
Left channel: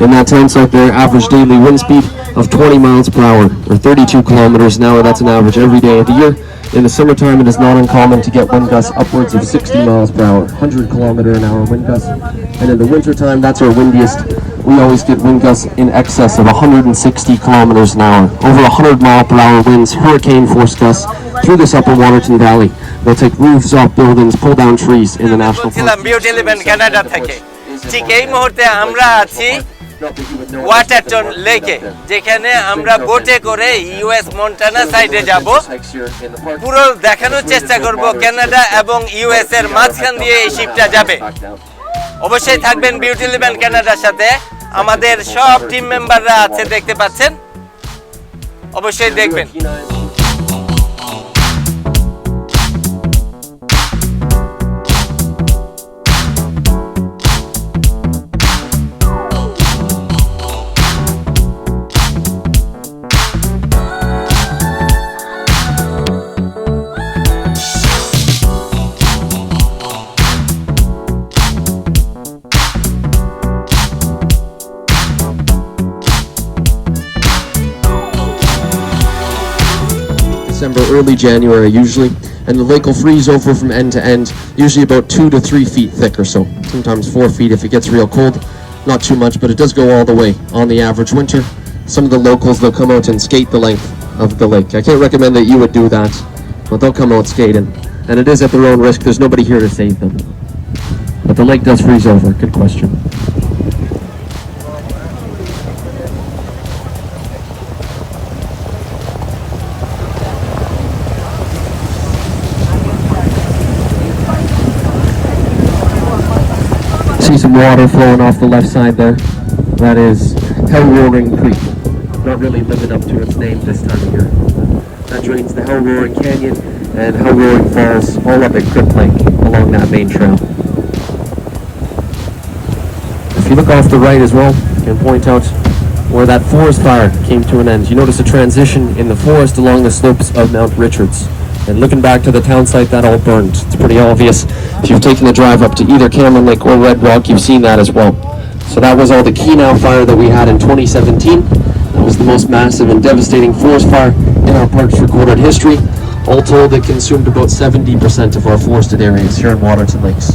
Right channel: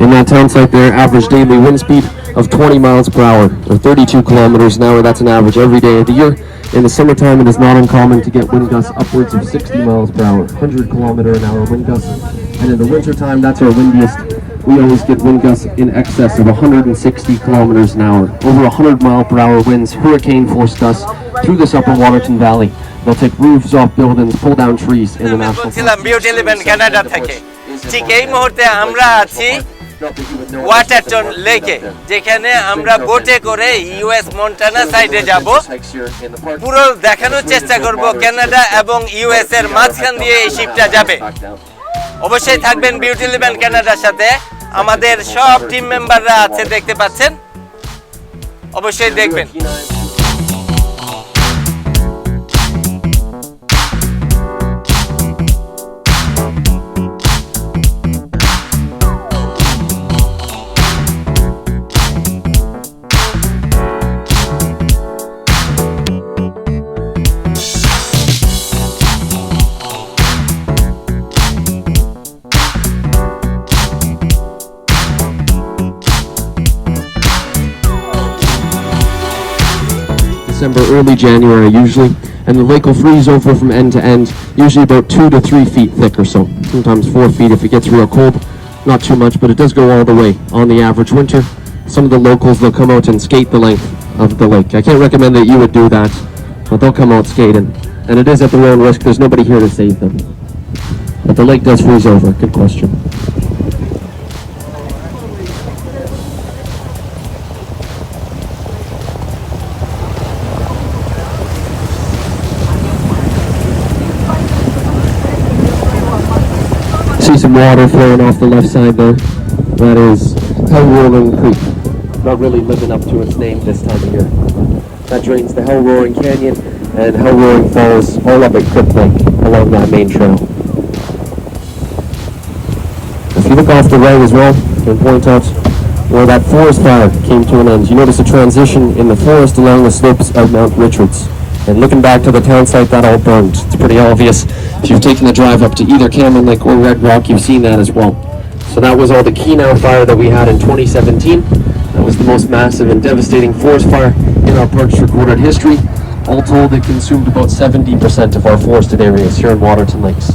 In that tent site there, average daily wind speed of 20 miles per hour, or 32 kilometers an hour. That's an average every day of the year. In the summertime, it is not uncommon to get wind gusts upwards of 60 miles per hour, 100 kilometer an hour wind gusts. And in the wintertime, that's our windiest. We always get wind gusts in excess of 160 kilometers an hour. Over 100 mile per hour winds, hurricane force gusts through this Upper Waterton Valley. They'll take roofs off buildings, pull down trees in the national park. Beautyleven Canada থেকে ঠিক এই মুহূর্তে আমরা আছি ওয়াটারটন লেকে, যেখানে আমরা বোটে করে ইউএস মন্টানা সাইডে যাব। পুরো দেখানোর চেষ্টা করব কানাডা এবং ইউএস এর মাঝখান দিয়ে এই শিপটা যাবে। অবশ্যই থাকবেন বিউটিলিভেন কানাডার সাথে। আমাদের সব টিম মেম্বাররা আছে, দেখতে পাচ্ছেন, অবশ্যই দেখবেন। early January usually, and the lake will freeze over from end to end, usually about 2 to 3 feet thick or so, sometimes 4 feet if it gets real cold. Not too much, but it does go all the way on the average winter. Some of the locals, they'll come out and skate the length of the lake. I can't recommend that you would do that, but they'll come out skating. And it is at their own risk. There's nobody here to save them. But the lake does freeze over. Good question. See some water flowing off the left side there. That is Hell Roaring Creek. Not really living up to its name this time of year. That drains the Hell Roaring Canyon and Hell Roaring Falls all up at Crip Lake along that main trail. If you look off the right as well, you can point out where that forest fire came to an end. You notice a transition in the forest along the slopes of Mount Richards. And looking back to the town site, that all burned. It's pretty obvious. If you've taken the drive up to either Cameron Lake or Red Rock, you've seen that as well. So that was all the Kenow fire that we had in 2017. That was the most massive and devastating forest fire in our park's recorded history. All told, it consumed about 70% of our forested areas here in Waterton Lakes.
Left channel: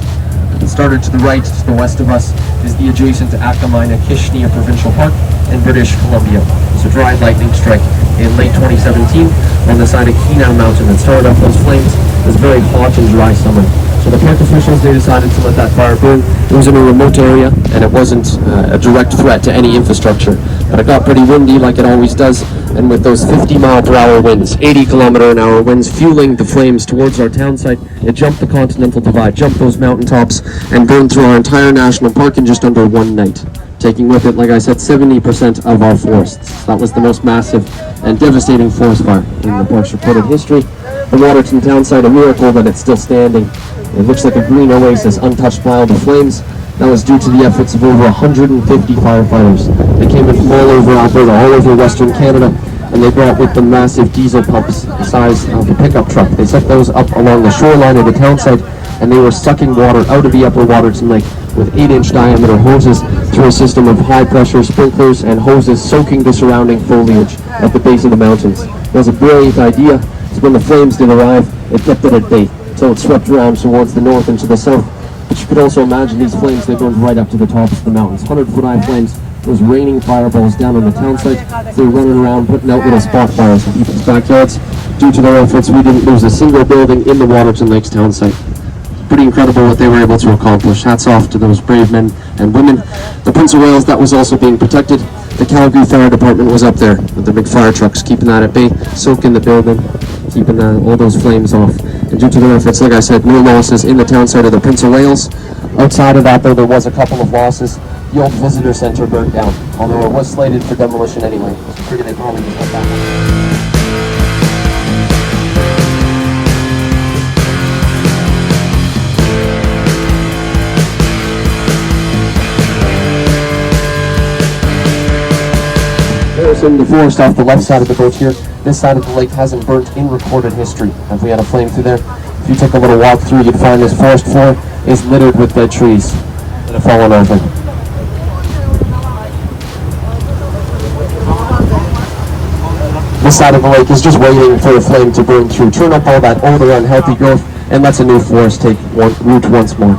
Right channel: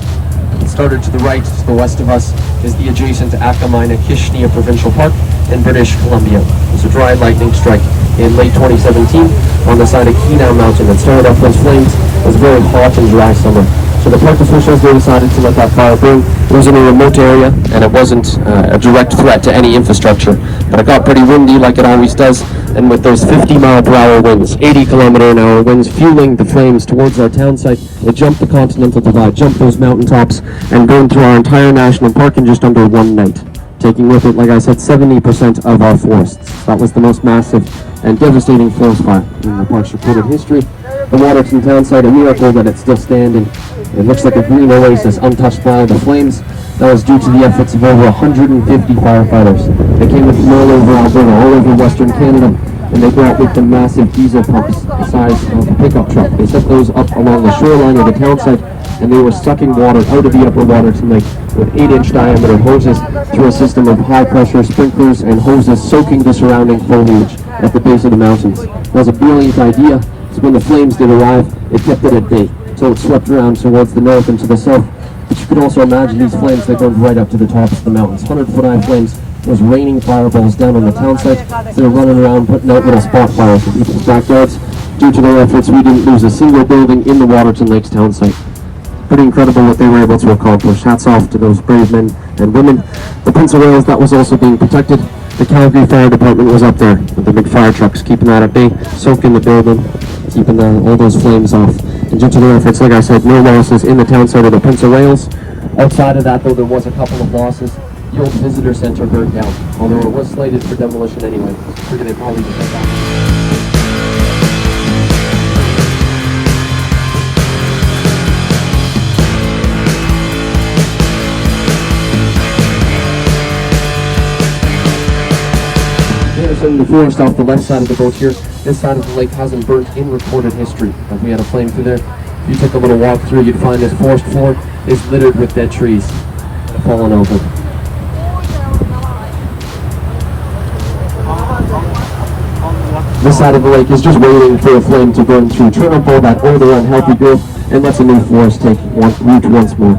It started to the right, to the west of us, is the adjacent Akamina-Kishnia Provincial Park in British Columbia. It was a dry lightning strike in late 2017 on the side of Kenow Mountain that started off those flames. It was a very hot and dry summer. So the park officials, they decided to let that fire burn. It was in a remote area and it wasn't a direct threat to any infrastructure. But it got pretty windy like it always does. And with those 50-mile-per-hour winds, 80-kilometer-an-hour winds fueling the flames towards our town site, it jumped the Continental Divide, jumped those mountaintops, and burned through our entire national park in just under one night, taking with it, like I said, 70% of our forests. That was the most massive and devastating forest fire in the park's recorded history. The Waterton town site, a miracle that it's still standing. It looks like a green oasis untouched by all the flames. That was due to the efforts of over 150 firefighters. They came in from all over Alberta, all over Western Canada, and they brought with them massive diesel pumps the size of a pickup truck. They set those up along the shoreline of the town site, and they were sucking water out of the Upper Waterton Lake with 8-inch diameter hoses through a system of high-pressure sprinklers and hoses soaking the surrounding foliage at the base of the mountains. It was a brilliant idea. So when the flames did arrive, it kept it at bay until it swept around towards the north and to the south. But you could also imagine these flames, they burned right up to the tops of the mountains. 100-foot-high flames. It was raining fireballs down on the town site. They were running around putting out little spot fires in people's backyards. Due to their efforts, we didn't lose a single building in the Waterton Lakes town site. Pretty incredible what they were able to accomplish. Hats off to those brave men and women. The Prince of Wales, that was also being protected. The Calgary Fire Department was up there with the big fire trucks, keeping that at bay, soaking the building, keeping all those flames off. And due to their efforts, like I said, no losses in the town site of the Prince of Wales. Outside of that, though, there was a couple of losses. The old visitor center burned down, although it was slated for demolition anyway. So I figure they probably just got that. In the forest off the left side of the boat here, this side of the lake hasn't burnt in recorded history. If we had a flame through there, if you took a little walk through, you'd find this forest floor is littered with dead trees that have fallen over. This side of the lake is just waiting for a flame to burn through, turn up all that older unhealthy growth, and lets a new forest take root once more.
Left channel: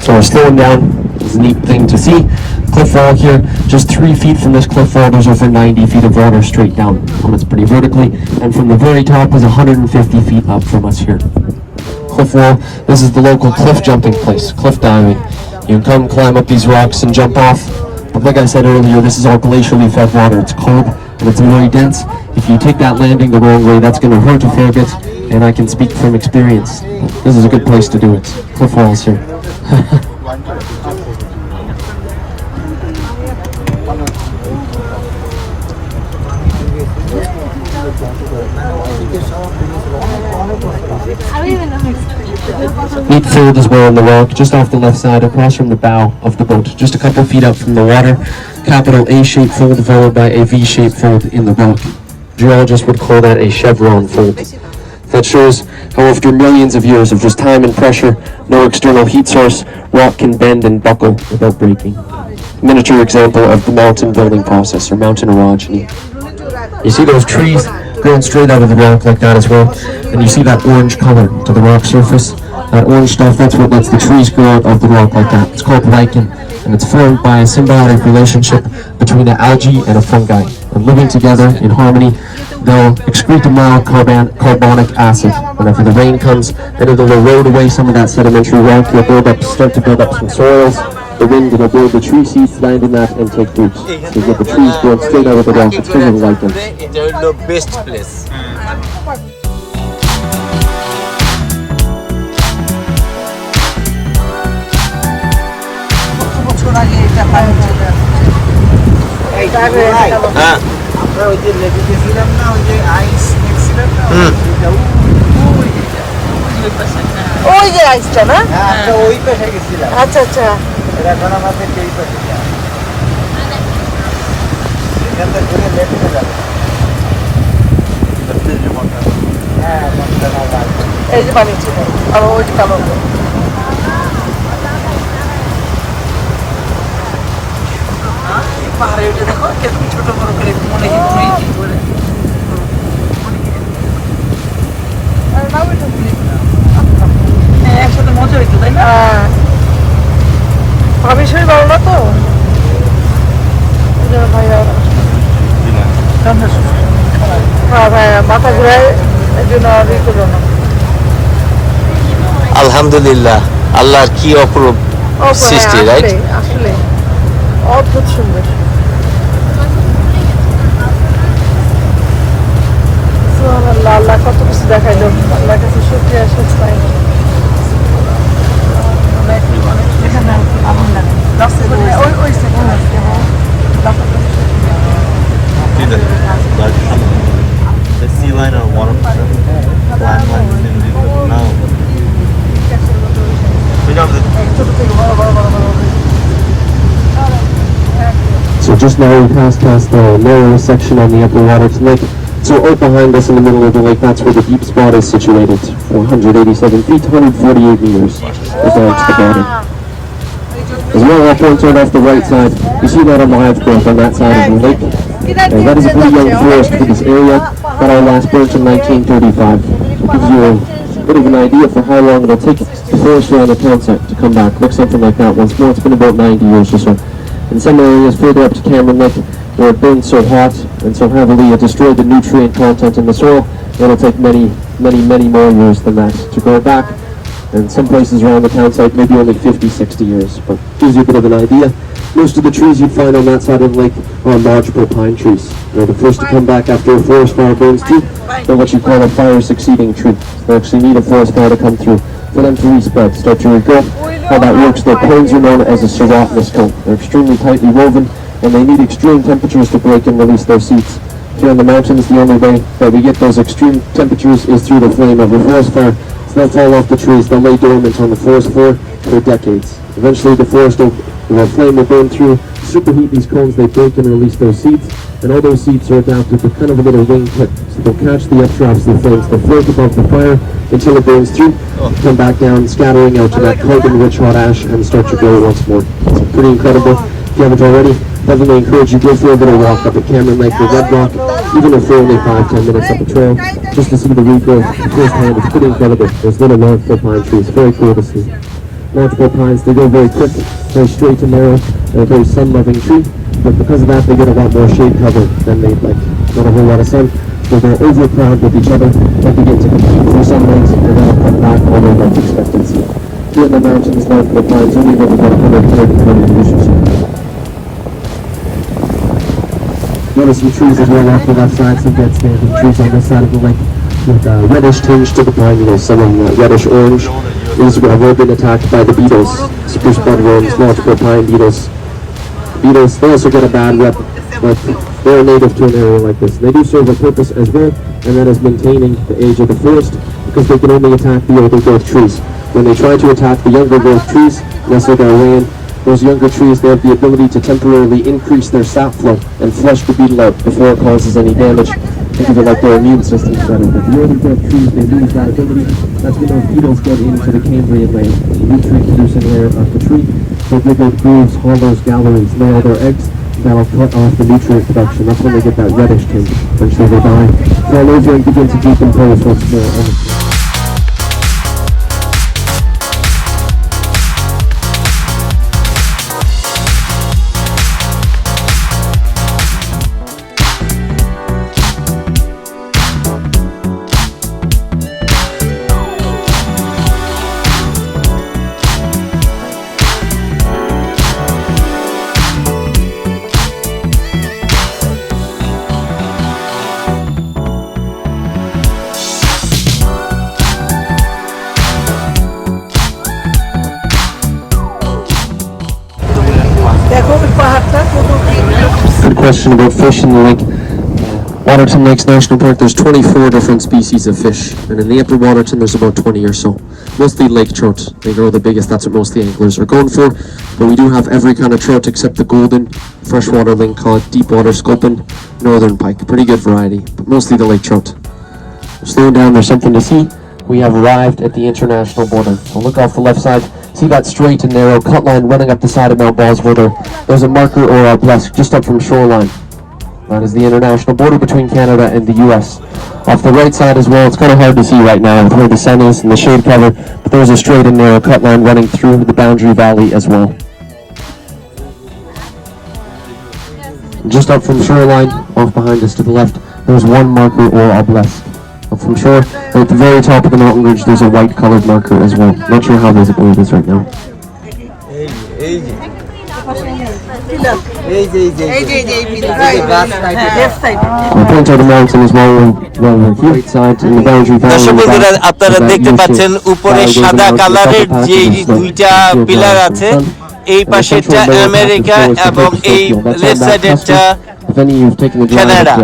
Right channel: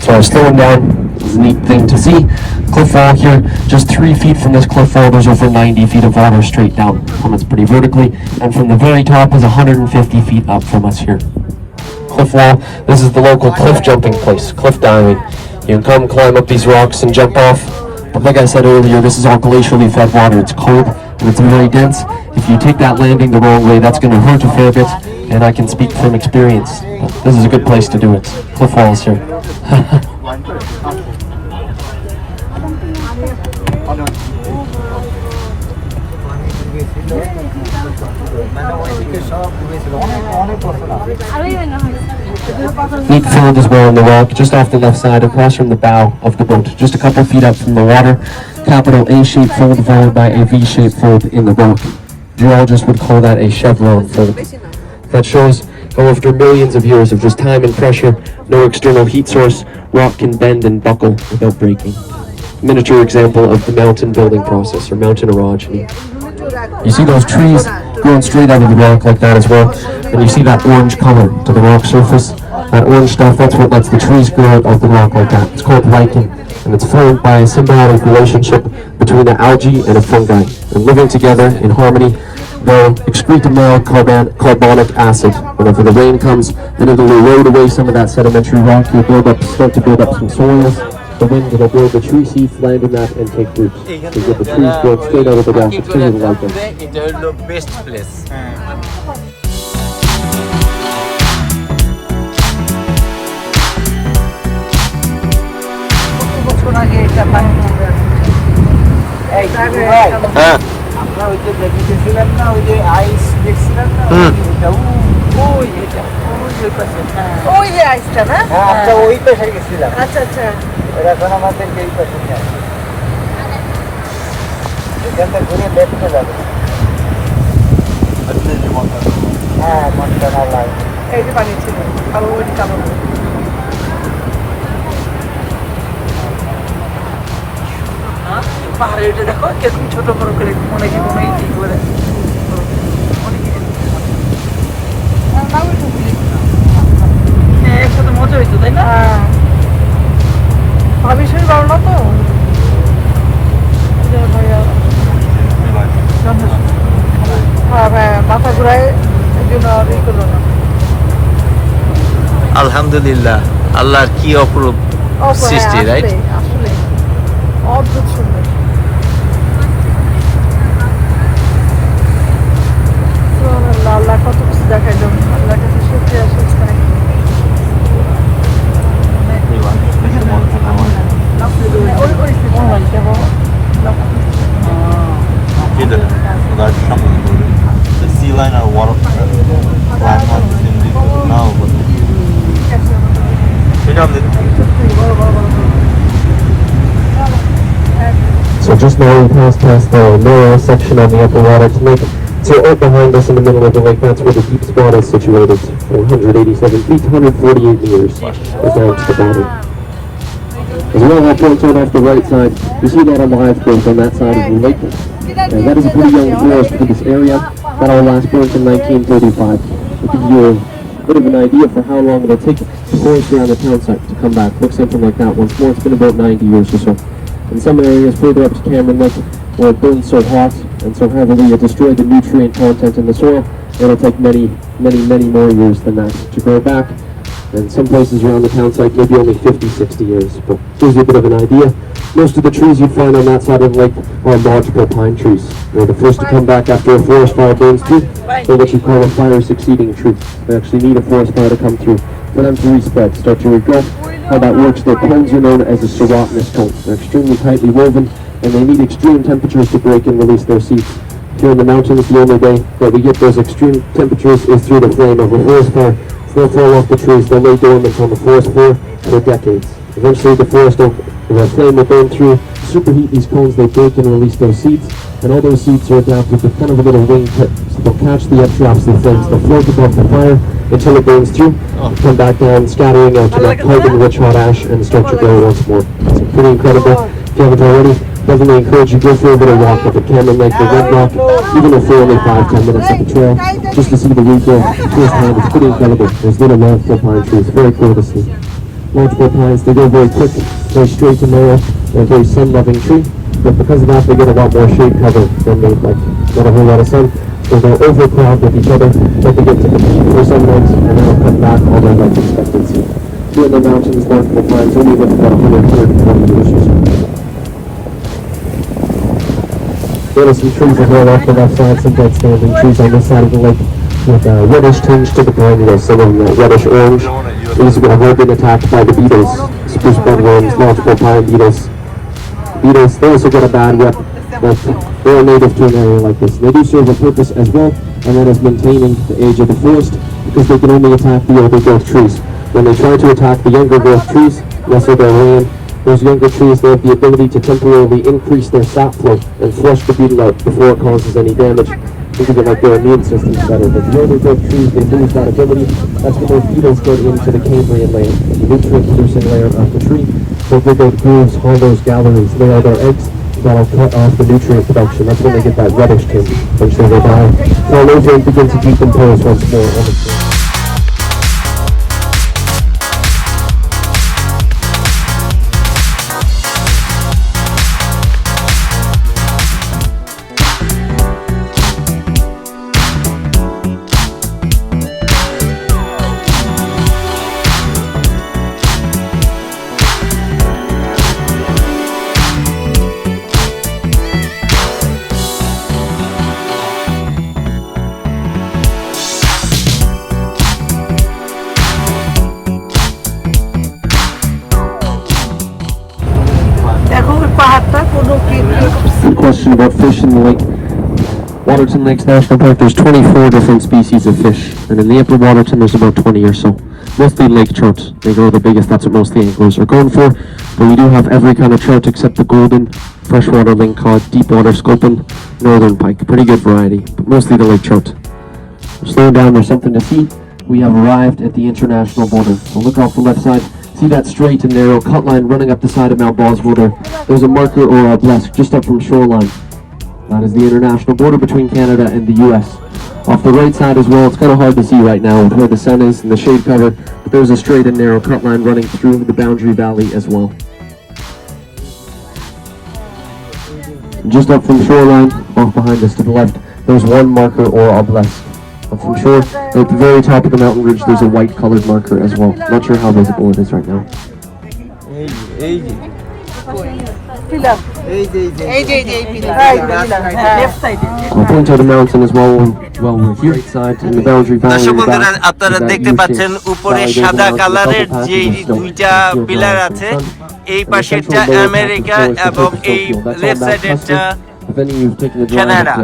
So slowing down is a neat thing to see. Cliff wall here, just 3 feet from this cliff wall, there's over 90 feet of water straight down. And it's pretty vertically, and from the very top is 150 feet up from us here. Cliff wall, this is the local cliff jumping place, cliff diving. You can come climb up these rocks and jump off. But like I said earlier, this is all glacially fed water. It's cold and it's very dense. If you take that landing the wrong way, that's going to hurt a fair bit. And I can speak from experience. This is a good place to do it. Cliff walls here. Deep fold as well in the rock, just off the left side, across from the bow of the boat, just a couple feet up from the water. Capital A-shaped fold followed by a V-shaped fold in the rock. Geologists would call that a chevron fold. That shows how after millions of years of just time and pressure, no external heat source, rock can bend and buckle without breaking. Miniature example of the mountain building process, or mountain orogeny. You see those trees growing straight out of the rock like that as well, and you see that orange color to the rock surface. That orange stuff, that's what lets the trees grow out of the rock like that. It's called lichen, and it's formed by a symbiotic relationship between an algae and a fungi. And living together in harmony, they'll excrete a mild carbonic acid. Whenever the rain comes, then it'll erode away some of that sedimentary rock. It'll start to build up some soils. The wind will build the tree seeds, land in that, and take root. So you get the trees growing straight out of the rock. It's really like it. এটা হলো best place. বছর আগে এটা পানি চলে আসছে। হ্যাঁ আমরা ওই যে লেগে গেছিলাম না, ওই যে আইস দেখছিলাম না, ওই যে আইসটা না? আচ্ছা ওই পাশে গেছিলাম। আচ্ছা আচ্ছা। এখন আমাদের এই পাশে এখান থেকে ঘুরে দেখতে যাবে। হ্যাঁ এই যে পানি ছিল আর ওই যে কালো পাহাড়ে উঠে দেখো এরকম ছোট বড় করে মনে হয় কোনো ইটি করে একসাথে মজা হইতো তাই না? ভাবি শরীর ভালো না তো ভাইয়া হ্যাঁ ভাইয়া মাথা ঘুরায় একদিন আলহামদুলিল্লাহ, আল্লাহর কি অপরূপ সৃষ্টি, রাইট? আসলে অদ্ভুত সুন্দর। আল্লাহ কত কিছু দেখাইল, আল্লাহ কাছে সত্যি আসে sea line or water landmarks in the no. So just now we passed past the lower section on the Upper Waterton Lake. So out behind us in the middle of the lake, that's where the deep spot is situated. 487 feet, 148 meters without the body. As well, I point out off the right side, you see that on the live growth on that side of the lake. And that is a pretty young forest for this area that I last burnt in 1935. It gives you a bit of an idea for how long it'll take the forest around the town site to come back. Looks something like that. Once more, it's been about 90 years or so. In some areas further up to Cameron Lake, where it burns so hot and so heavily it destroyed the nutrient content in the soil, it'll take many more years than that to grow back. And some places around the town site, maybe only 50, 60 years. But gives you a bit of an idea. Most of the trees you'd find on that side of the lake are lodgepole pine trees. They're the first to come back after a forest fire burns through. They're what you call a fire-succeeding tree. They actually need a forest fire to come through for them to respread, start to regrow. How that works, their cones are known as a serotinous cone. They're extremely tightly woven, and they need extreme temperatures to break and release their seeds. Here in the mountains, the only way that we get those extreme temperatures is through the flame of a forest fire. So they'll fall off the trees, they'll lay dormant on the forest floor for decades. Eventually the flame will burn through, superheat these cones, they break and release those seeds, and all those seeds are adapted with kind of a little wing tip. So they'll catch the updrafts of the flames, they'll float above the fire until it burns through, come back down, scattering out to that carbon-rich hot ash, and start to grow once more. It's pretty incredible. If you haven't already, definitely encourage you to go for a little walk up at Cameron Lake or Red Rock, even if they're only 5-10 minutes up the trail, just to see the regrowth firsthand. It's pretty incredible. There's little lodgepole pine trees, very cool to see. Lodgepole pines, they go very quick, very straight and narrow. They're a very sun-loving tree, but because of that, they get a lot more shade cover than they like. Not a whole lot of sun, so they're overcrowded with each other, but they get to compete for sunlight and then cut back on that life expectancy. Here in the mountains, lodgepole pines only get about 100 years. Notice some trees as well off the left side, some dead standing trees on this side of the lake with a reddish tinge to the pine needles, some of them reddish orange. These have all been attacked by the beetles, spruce bloodworms, lodgepole pine beetles. Beetles, they also get a bad rep, but They're native to an area like this. They do serve a purpose as well, and that is maintaining the age of the forest, because they can only attack the older growth trees. When they try to attack the younger growth trees, nestle their way in, those younger trees, they have the ability to temporarily increase their sap flow and flush the beetle out before it causes any damage. Think of it like their immune system better. But the older growth trees, they lose that ability. That's when those beetles go into the Cambrian layer, nutrient producing layer of the tree. They dig out grooves, hollows, galleries, lay all their eggs. That'll cut off the nutrient production. That's when they get that reddish tint, which they will die. So nutrient begins to decompose once more. Good question about fish in the lake. Waterton Lakes National Park, there's 24 different species of fish, and in the Upper Waterton there's about 20 or so. Mostly lake trout, they're the biggest, that's what most of the anglers are going for. But we do have every kind of trout except the golden freshwater link called deep water sculpin, northern pike, pretty good variety, but mostly the lake trout. Slowing down, there's something to see. We have arrived at the international border. So look off the left side. See that straight and narrow cut line running up the side of Mount Boswater? There's a marker or a blast just up from shoreline. That is the international border between Canada and the US. Off the right side as well, it's kind of hard to see right now with where the sun is and the shade cover, but there's a straight and narrow cut line running through the boundary valley as well. Just up from shoreline, off behind us to the left, there's one marker or obelisk. Up from shore, and at the very top of the mountain ridge, there's a white colored marker as well. Not sure how visible it is right now. I'll point out the mountain as well, here, side, in the boundary valley. দর্শক বন্ধুরা, আপনারা দেখতে পাচ্ছেন উপরে সাদা কালারের যে দুইটা পিলার আছে, এই পাশেরটা আমেরিকা এবং এই লেফট সাইডেরটা কানাডা।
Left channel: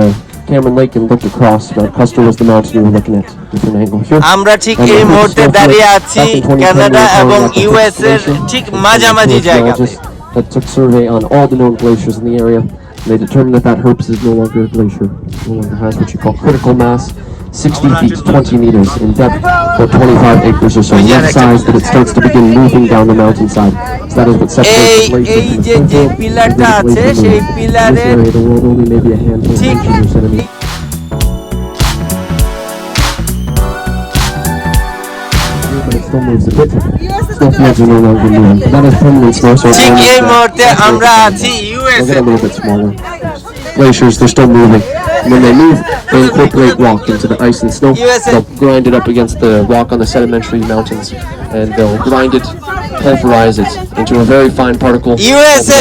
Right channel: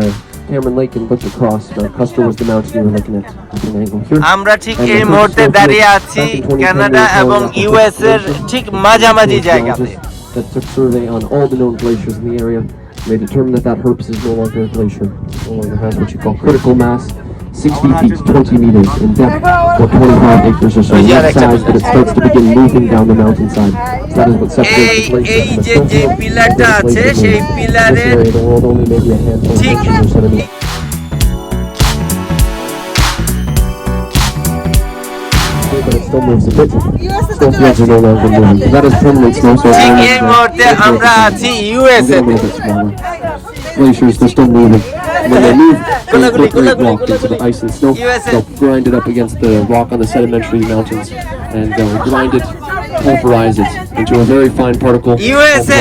আমরা ঠিক এই মুহূর্তে দাঁড়িয়ে আছি কানাডা এবং ইউএস এর ঠিক মাঝামাঝি জায়গাতে। That took survey on all the known glaciers in the area, and they determined that that Herps is no longer a glacier. It has what you call critical mass, 60 feet, 20 meters in depth, or 25 acres or so, in size that it starts to begin moving down the mountainside. So that is what separates the glacier. এই যে পিলারটা আছে, সেই পিলারের ঠিক ঠিক এই মুহূর্তে আমরা আছি US A. Glaciers, they're still moving. When they move, they incorporate rock into the ice and snow. They'll grind it up against the rock on the sedimentary mountains, and they'll grind it, pulverize it into a very fine particle. USA,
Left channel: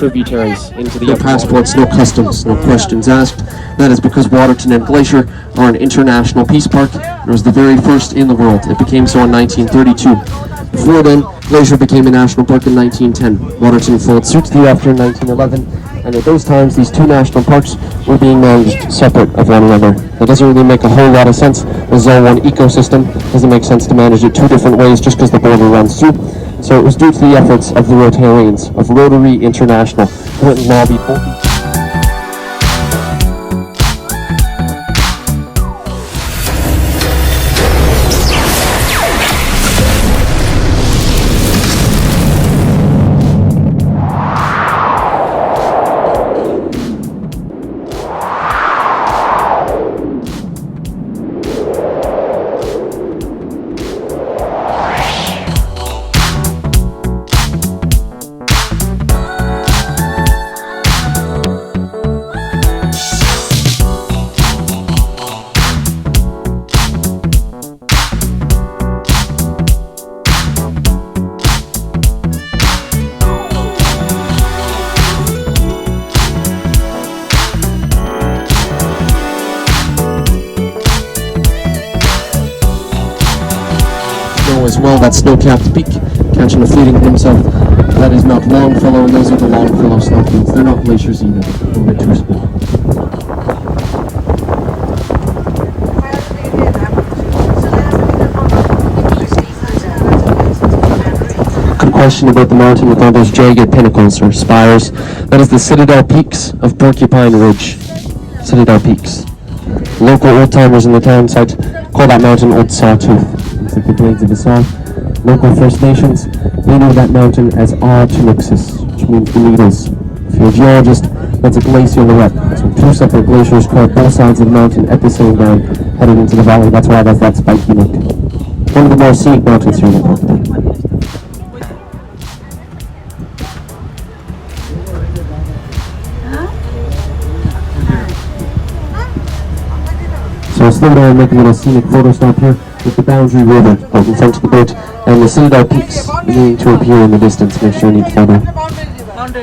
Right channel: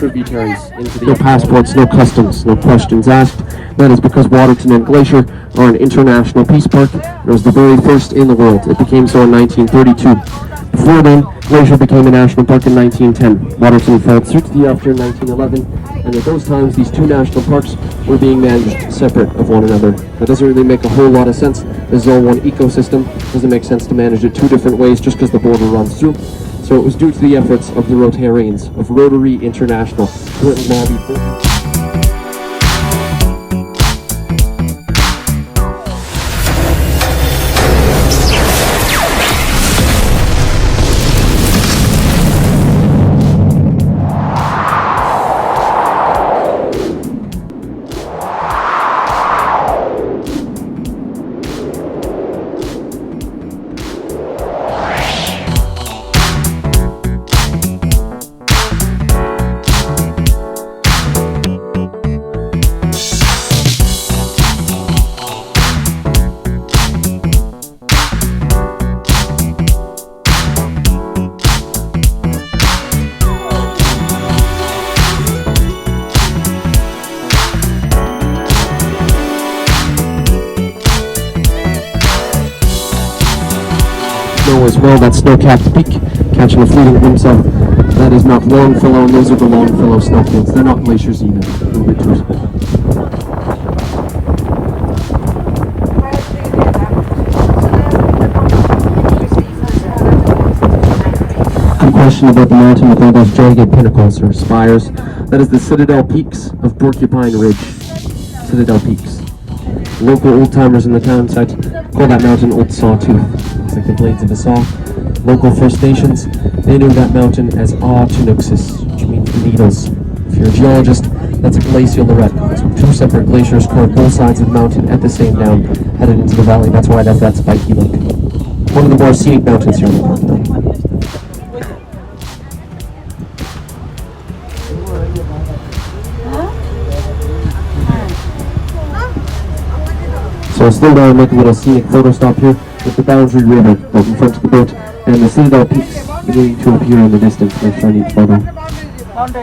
tributaries into the no passports, no customs, no questions asked. That is because Waterton and Glacier are an international peace park. It was the very first in the world. It became so in 1932. Before then, Glacier became a national park in 1910. Waterton followed suit thereafter in 1911, and at those times these two national parks were being managed separate of one another. That doesn't really make a whole lot of sense. This is all one ecosystem. It doesn't make sense to manage it two different ways just because the border runs through. So it was due to the efforts of the Rotarians of Rotary International who went and lobbied both. As well, that snow-capped peak, catching a fleeting glimpse of That is not Longfellow, and those are the Longfellow snowfields. They're not glaciers either. A little bit too small. Good question about the mountain with all those jagged pinnacles or spires. That is the Citadel Peaks of Porcupine Ridge. Citadel Peaks. Local old-timers in the town site call that mountain Old Sawtooth. Looks like the blades of a saw. Local First Nations, they know that mountain as Tunuxis, which means the needles. If you're a geologist, that's a glacial lorette. So two separate glaciers curve both sides of the mountain at the same time, headed into the valley. That's why that's that spiky look. One of the more scenic mountains here in the park. So slow down and make a little scenic photo stop here with the Boundary River out in front of the boat and the Citadel Peaks beginning to appear in the distance. Make sure you need photo.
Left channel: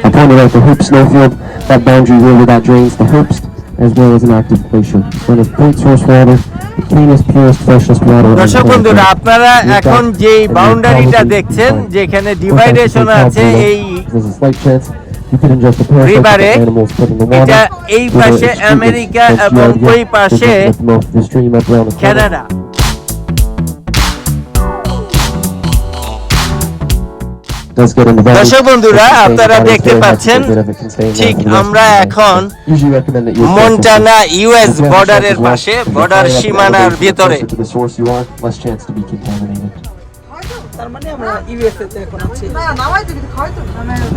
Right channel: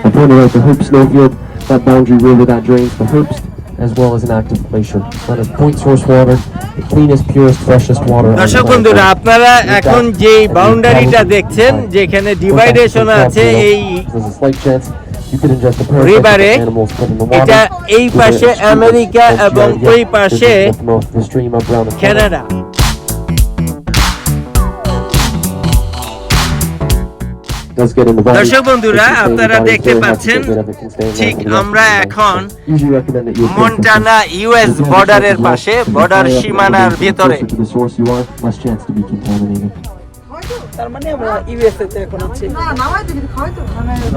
I pointed out the Hoop Snowfield, that Boundary River that drains the Hoopst, as well as an active glacier. One of great source for water, the cleanest, purest, freshest water. দর্শক বন্ধুরা, আপনারা এখন যে বাউন্ডারিটা দেখছেন, যেখানে ডিভাইডেশন আছে এই রিভারে, এটা এই পাশে আমেরিকা এবং ওই পাশে কানাডা। দর্শক বন্ধুরা, আপনারা দেখতে পাচ্ছেন ঠিক আমরা এখন মন্টানা ইউএস বর্ডারের পাশে, বর্ডার সীমানার ভিতরে।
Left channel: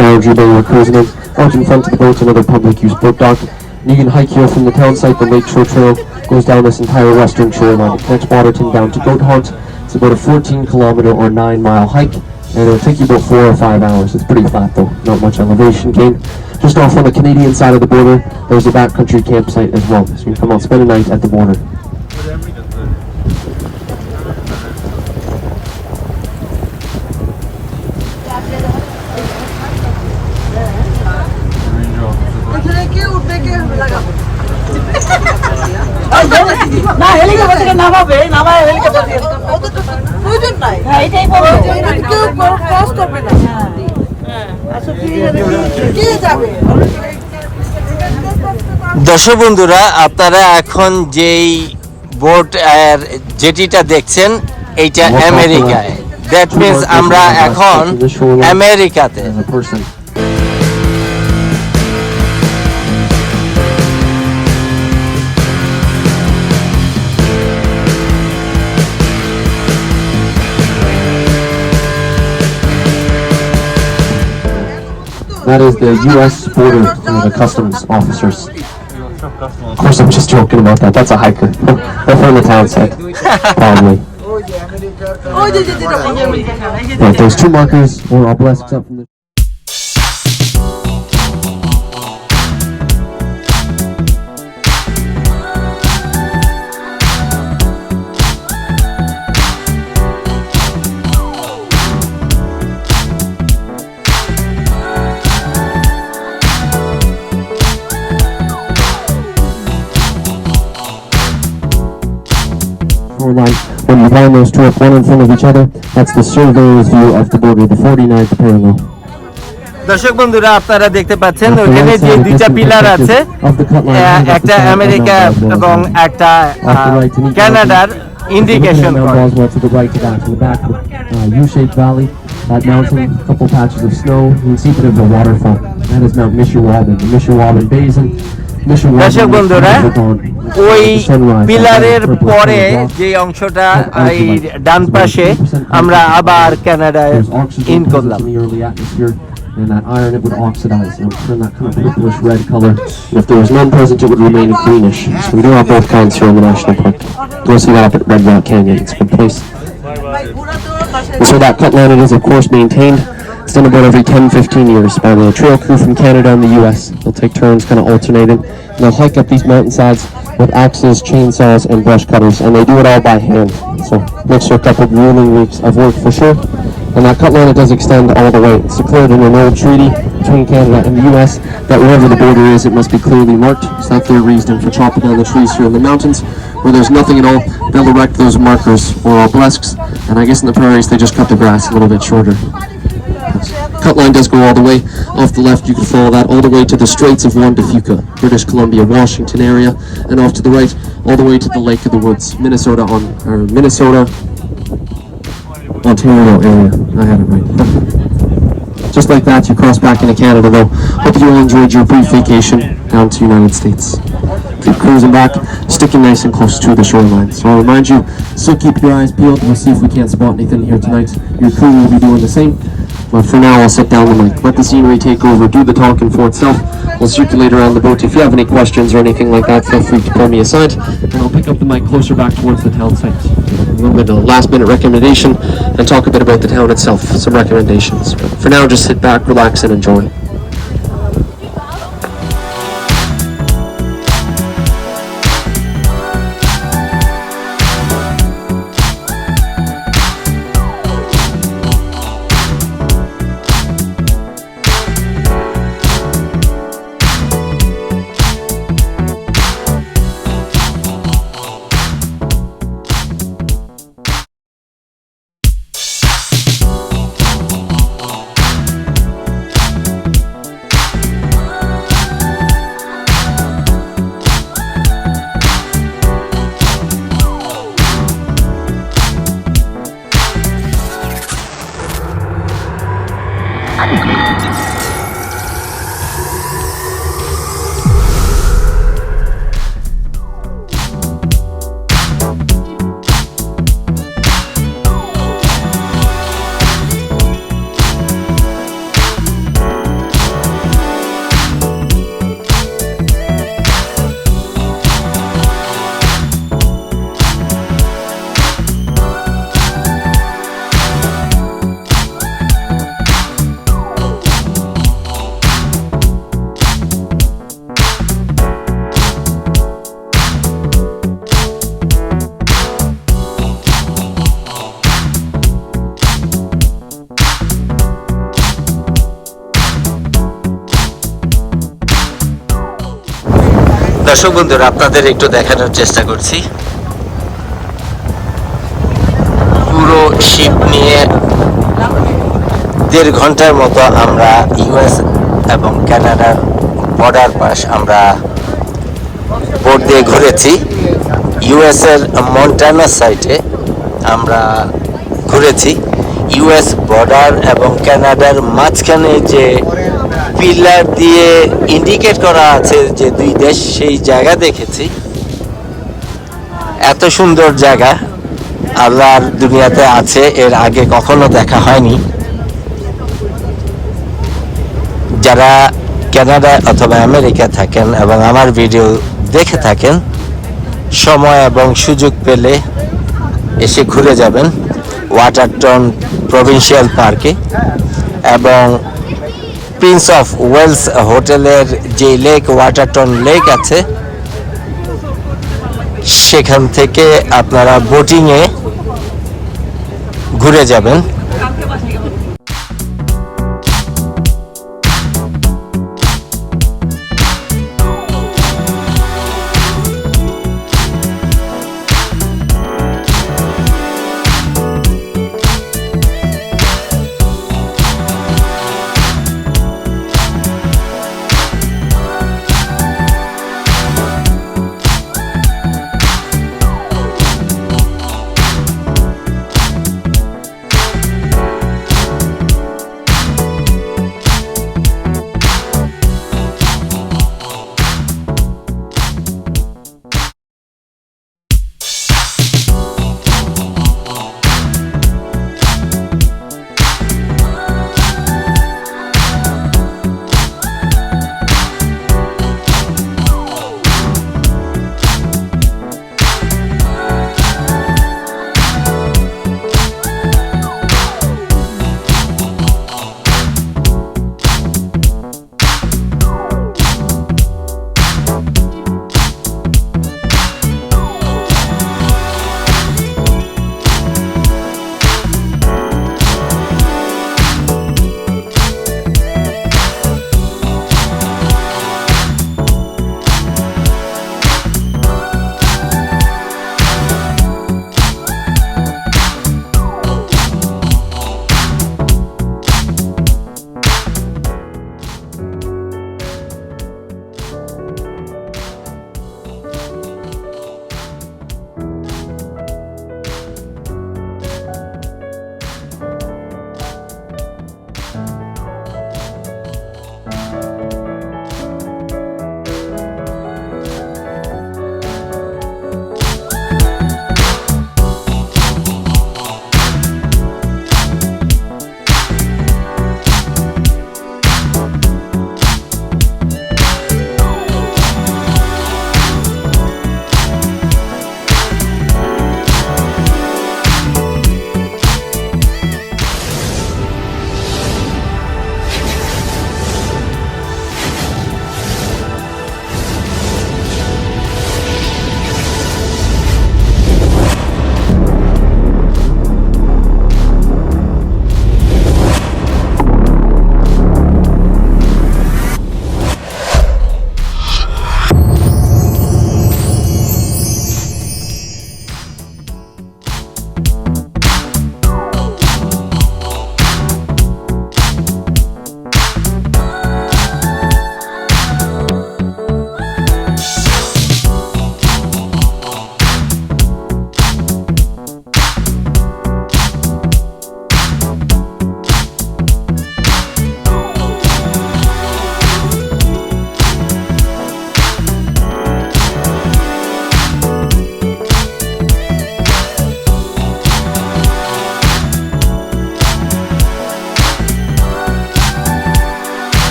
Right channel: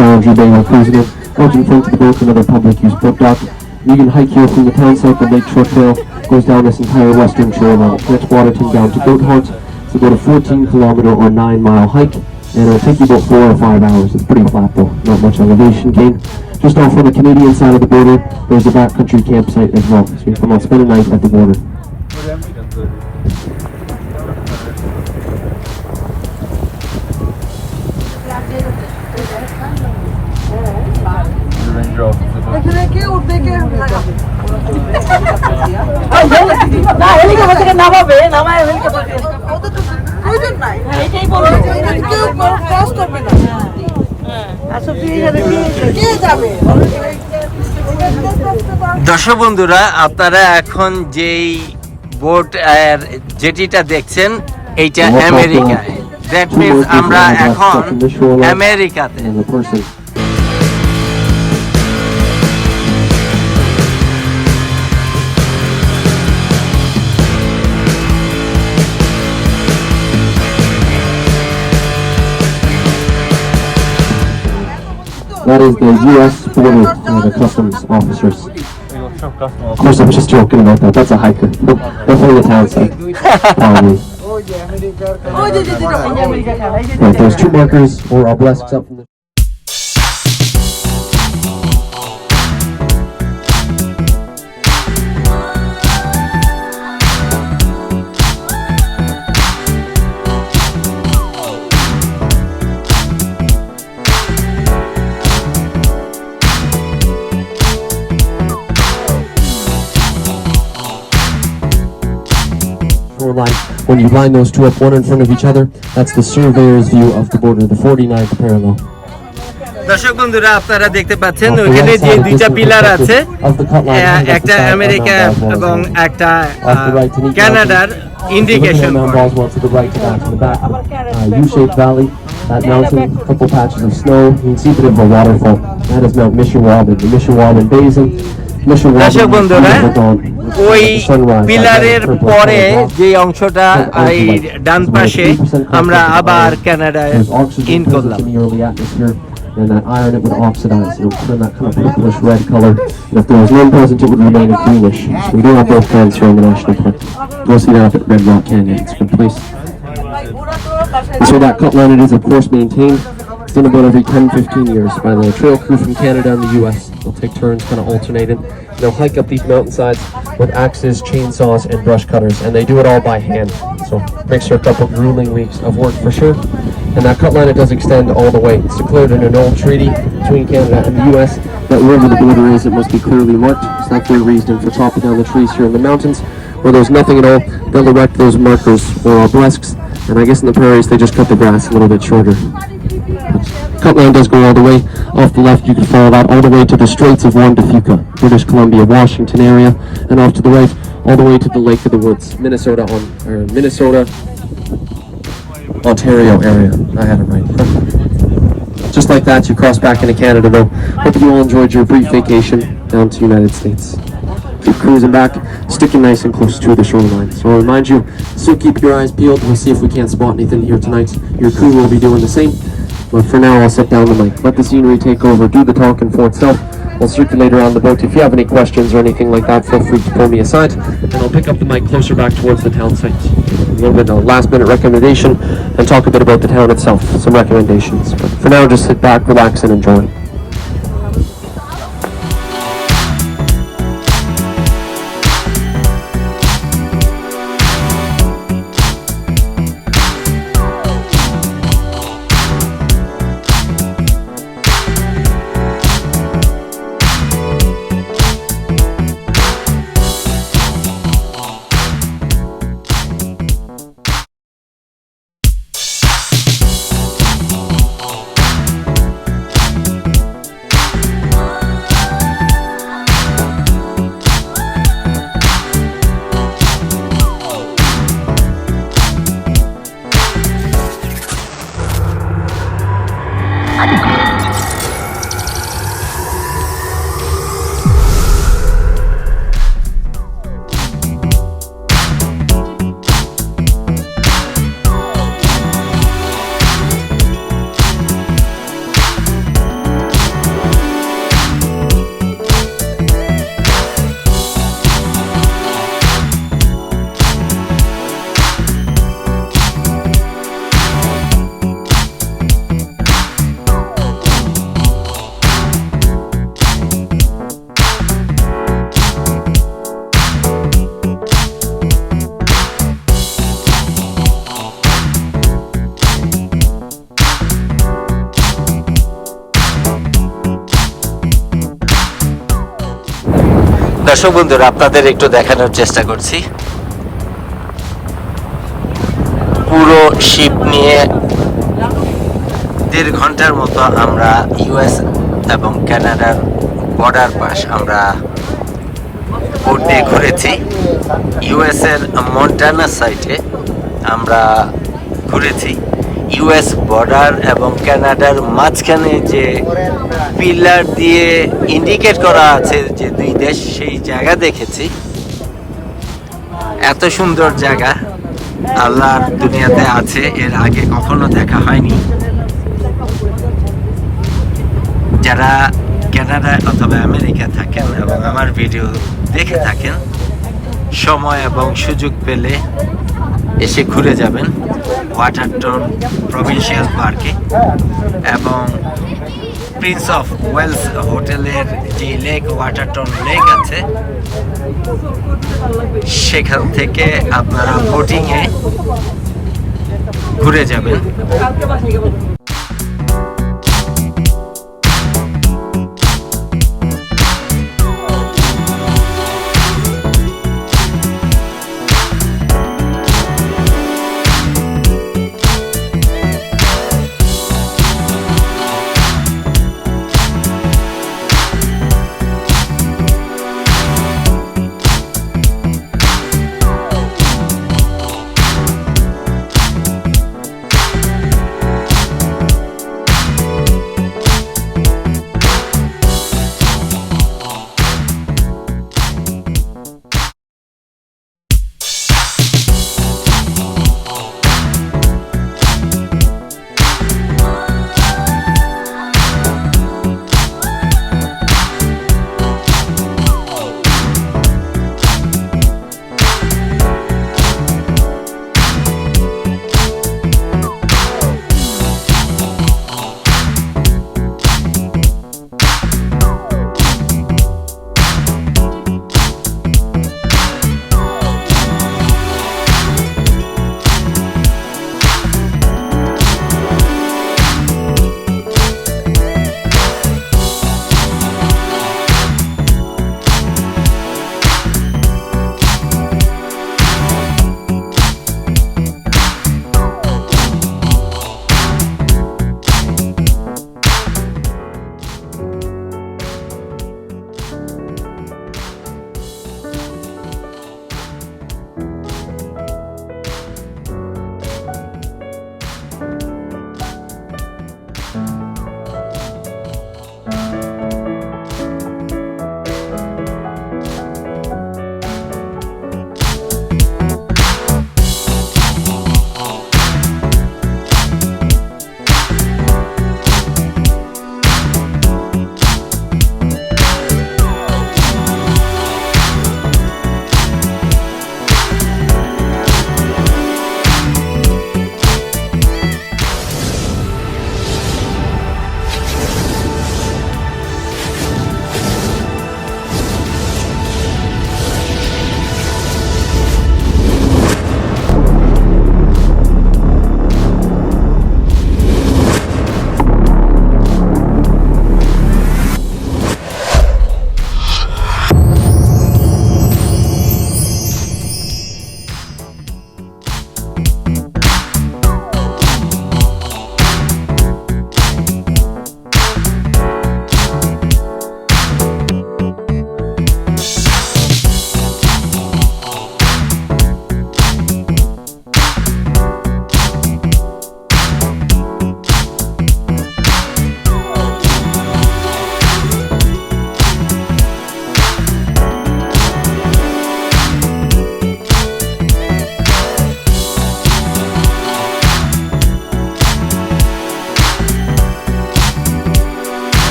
Boundary Bay we're cruising in. Out in front of the boat, another public use boat dock. You can hike here from the town site. The Lakeshore Trail goes down this entire western trail line. It connects Waterton down to Goat Haunt. It's about a 14-kilometer or 9-mile hike, and it'll take you about 4 or 5 hours. It's pretty flat though, not much elevation gain. Just off on the Canadian side of the border, there's a backcountry campsite as well. So you can come out, spend a night at the border. দর্শক বন্ধুরা, আপনারা এখন যেই boat জেটিটা দেখছেন, এইটা আমেরিকায়। That means আমরা এখন আমেরিকাতে। That is the U.S. border, the customs officers. Of course, I'm just joking about that. That's a hiker. They're from the town site. Probably. Right, those two markers were all blessed up from the... When you line those two up one in front of each other, that's the surveyor's view of the border, the 49th parallel. দর্শক বন্ধুরা, আপনারা দেখতে পাচ্ছেন ওখানে যে দুইটা pillar আছে, একটা আমেরিকা এবং একটা কানাডার ইন্ডিকেশন করে। U-shaped valley, that mountain, a couple patches of snow. You can see a bit of a waterfall. That is Mount Mishawabin, the Mishawabin Basin. দর্শক বন্ধুরা, ওই পিলারের পরে যে অংশটা এই ডান পাশে আমরা আবার কানাডায় ইন করলাম। And that iron, it would oxidize. It would turn that kind of purplish red color. And if there was none present, it would remain greenish. So we do have both kinds here in the national park. Go see that up at Red Rock Canyon. It's a good place. And so that cut line, it is of course maintained. It's done about every 10-15 years by the trail crew from Canada and the US. They'll take turns kind of alternating. And they'll hike up these mountainsides with axes, chainsaws, and brush cutters. And they do it all by hand. So makes for a couple of grueling weeks of work for sure. And that cut line, it does extend all the way. It's declared in an old treaty between Canada and the US that wherever the border is, it must be clearly marked. So that's their reason for chopping down the trees here in the mountains. Where there's nothing at all, they'll erect those markers or obelisks. And I guess in the prairies, they just cut the grass a little bit shorter. Cut line does go all the way. Off the left, you can follow that all the way to the Straits of Juan de Fuca, British Columbia, Washington area, and off to the right, all the way to the Lake of the Woods, Minnesota, Ontario area. I had it right. Just like that, you cross back into Canada, though. Hope you all enjoyed your brief vacation down to the United States. Keep cruising back, sticking nice and close to the shoreline. So I'll remind you, still keep your eyes peeled. We'll see if we can't spot anything here tonight. Your crew will be doing the same. But for now, I'll set down the mic. Let the scenery take over, do the talking for itself. I'll circulate around the boat. If you have any questions or anything like that, feel free to pull me aside, and I'll pick up the mic closer back towards the town site. A little bit of last-minute recommendation, and talk a bit about the town itself, some recommendations. But for now, just sit back, relax, and enjoy. দর্শক বন্ধুরা, আপনাদের একটু দেখানোর চেষ্টা করছি। পুরো sheep নিয়ে 1.5 ঘন্টার মতো আমরা ইউএস এবং কানাডার বর্ডার পাশ আমরা বোট দিয়ে ঘুরেছি। ইউএস এর মন্টানা সাইটে আমরা ঘুরেছি। ইউএস বর্ডার এবং কানাডার মাঝখানে যে পিলার দিয়ে ইন্ডিকেট করা আছে যে 2 দেশ, সেই জায়গা দেখেছি। এত সুন্দর জায়গা আল্লাহর দুনিয়াতে আছে, এর আগে কখনো দেখা হয়নি। যারা কানাডা অথবা আমেরিকা থাকেন এবং আমার ভিডিও দেখে থাকেন, সময় এবং সুযোগ পেলে এসে ঘুরে যাবেন ওয়াটারটন প্রভিন্সিয়াল পার্কে। এবং প্রিন্স অফ ওয়েলস হোটেলের যে লেক ওয়াটারটন লেক আছে, সেখান থেকে আপনারা বোটিংয়ে ঘুরে যাবেন।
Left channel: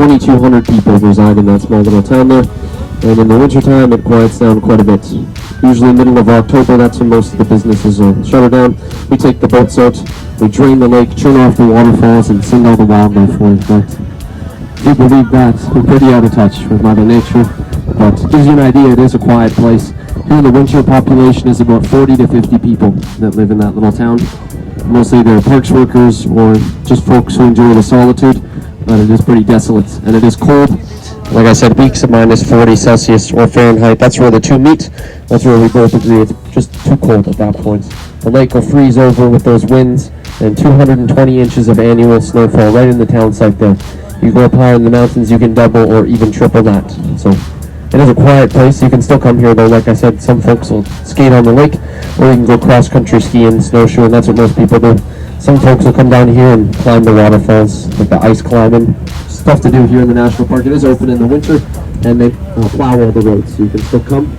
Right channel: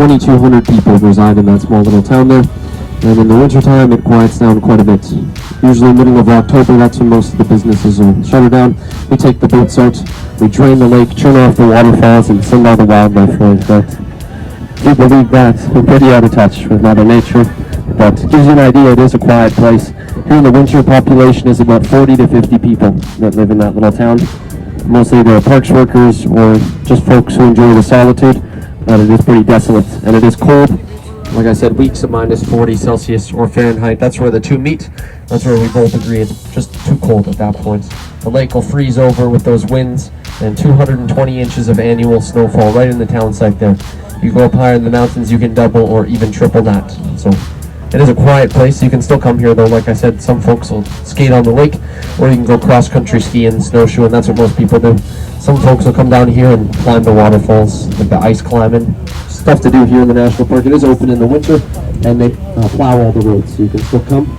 2,200 people reside in that small little town there. And in the wintertime, it quiets down quite a bit. Usually middle of October, that's when most of the businesses will shut down. We take the boats out, we drain the lake, turn off the waterfalls, and send all the wildlife for it. But if you believe that, we're pretty out of touch with Mother Nature. But it gives you an idea, it is a quiet place. Here in the winter, population is about 40 to 50 people that live in that little town. Mostly they're parks workers or just folks who enjoy the solitude. But it is pretty desolate, and it is cold. Like I said, weeks at minus 40 Celsius or Fahrenheit, that's where the two meet. That's where we both agree it's just too cold at that point. The lake will freeze over with those winds and 220 inches of annual snowfall right in the town site there. You go up higher in the mountains, you can double or even triple that. So it is a quiet place. You can still come here though. Like I said, some folks will skate on the lake, or you can go cross-country skiing, snowshoeing. That's what most people do. Some folks will come down here and climb the waterfalls, like the ice climbing. Stuff to do here in the national park. It is open in the winter, and they plow all the roads, so you can still come.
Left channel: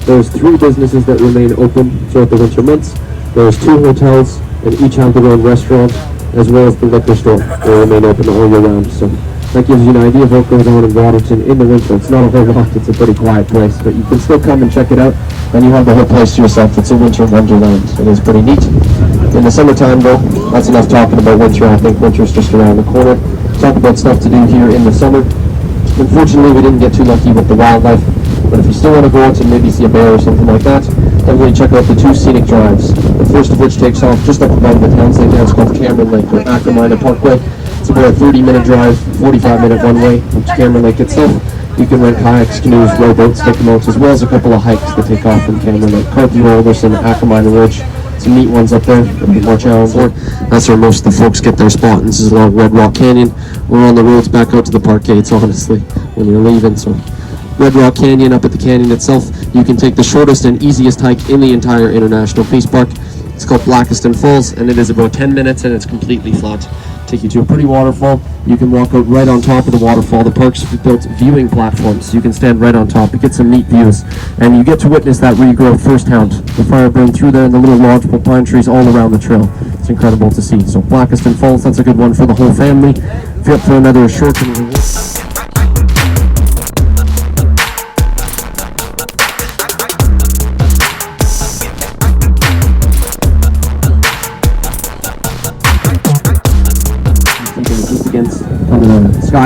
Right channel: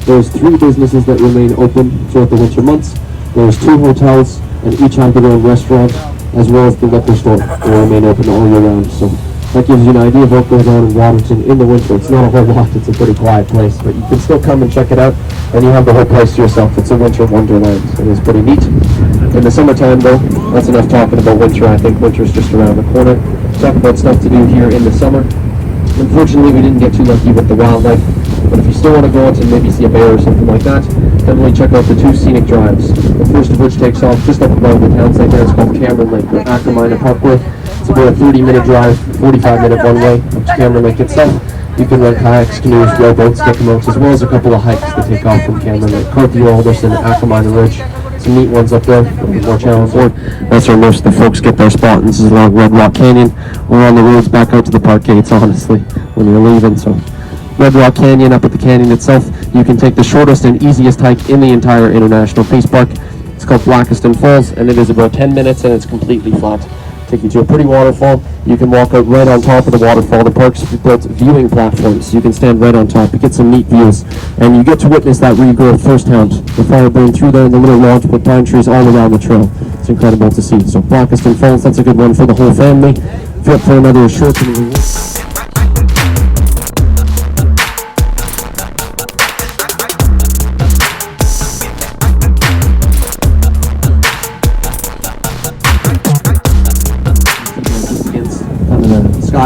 There's 3 businesses that remain open throughout the winter months. There's 2 hotels, and each have their own restaurant, as well as the liquor store. They remain open all year round. So that gives you an idea of what goes on in Waterton in the winter. It's not a whole lot. It's a pretty quiet place, but you can still come and check it out, and you have the whole place to yourself. It's a winter wonderland. It is pretty neat. In the summertime, though, that's enough talking about winter. I think winter's just around the corner. Talk about stuff to do here in the summer. Unfortunately, we didn't get too lucky with the wildlife, but if you still want to go out and maybe see a bear or something like that, definitely check out the 2 scenic drives. The first of which takes off just up above the town site there. It's called Cameron Lake, or Ackermine Parkway. It's about a 30-minute drive, 45-minute one-way up to Cameron Lake itself. You can rent kayaks, canoes, rowboats, stick boats, as well as a couple of hikes that take off from Cameron Lake. Carthew, Alderson, Ackermine Ridge. Some neat ones up there, more challenging. That's where most of the folks get their spot. This is along Red Rock Canyon. We're on the roads back out to the park gates, honestly, when you're leaving. So Red Rock Canyon, up at the canyon itself, you can take the shortest and easiest hike in the entire International Peace Park. It's called Blackiston Falls, and it is about 10 minutes, and it's completely flat. Take you to a pretty waterfall. You can walk out right on top of the waterfall. The park's built viewing platforms, so you can stand right on top. You get some neat views, and you get to witness that regrowth firsthand. The fire burned through there, and the little lodge with pine trees all around the trail. It's incredible to see. So Blackiston Falls, that's a good one for the whole family. If you're up for another short and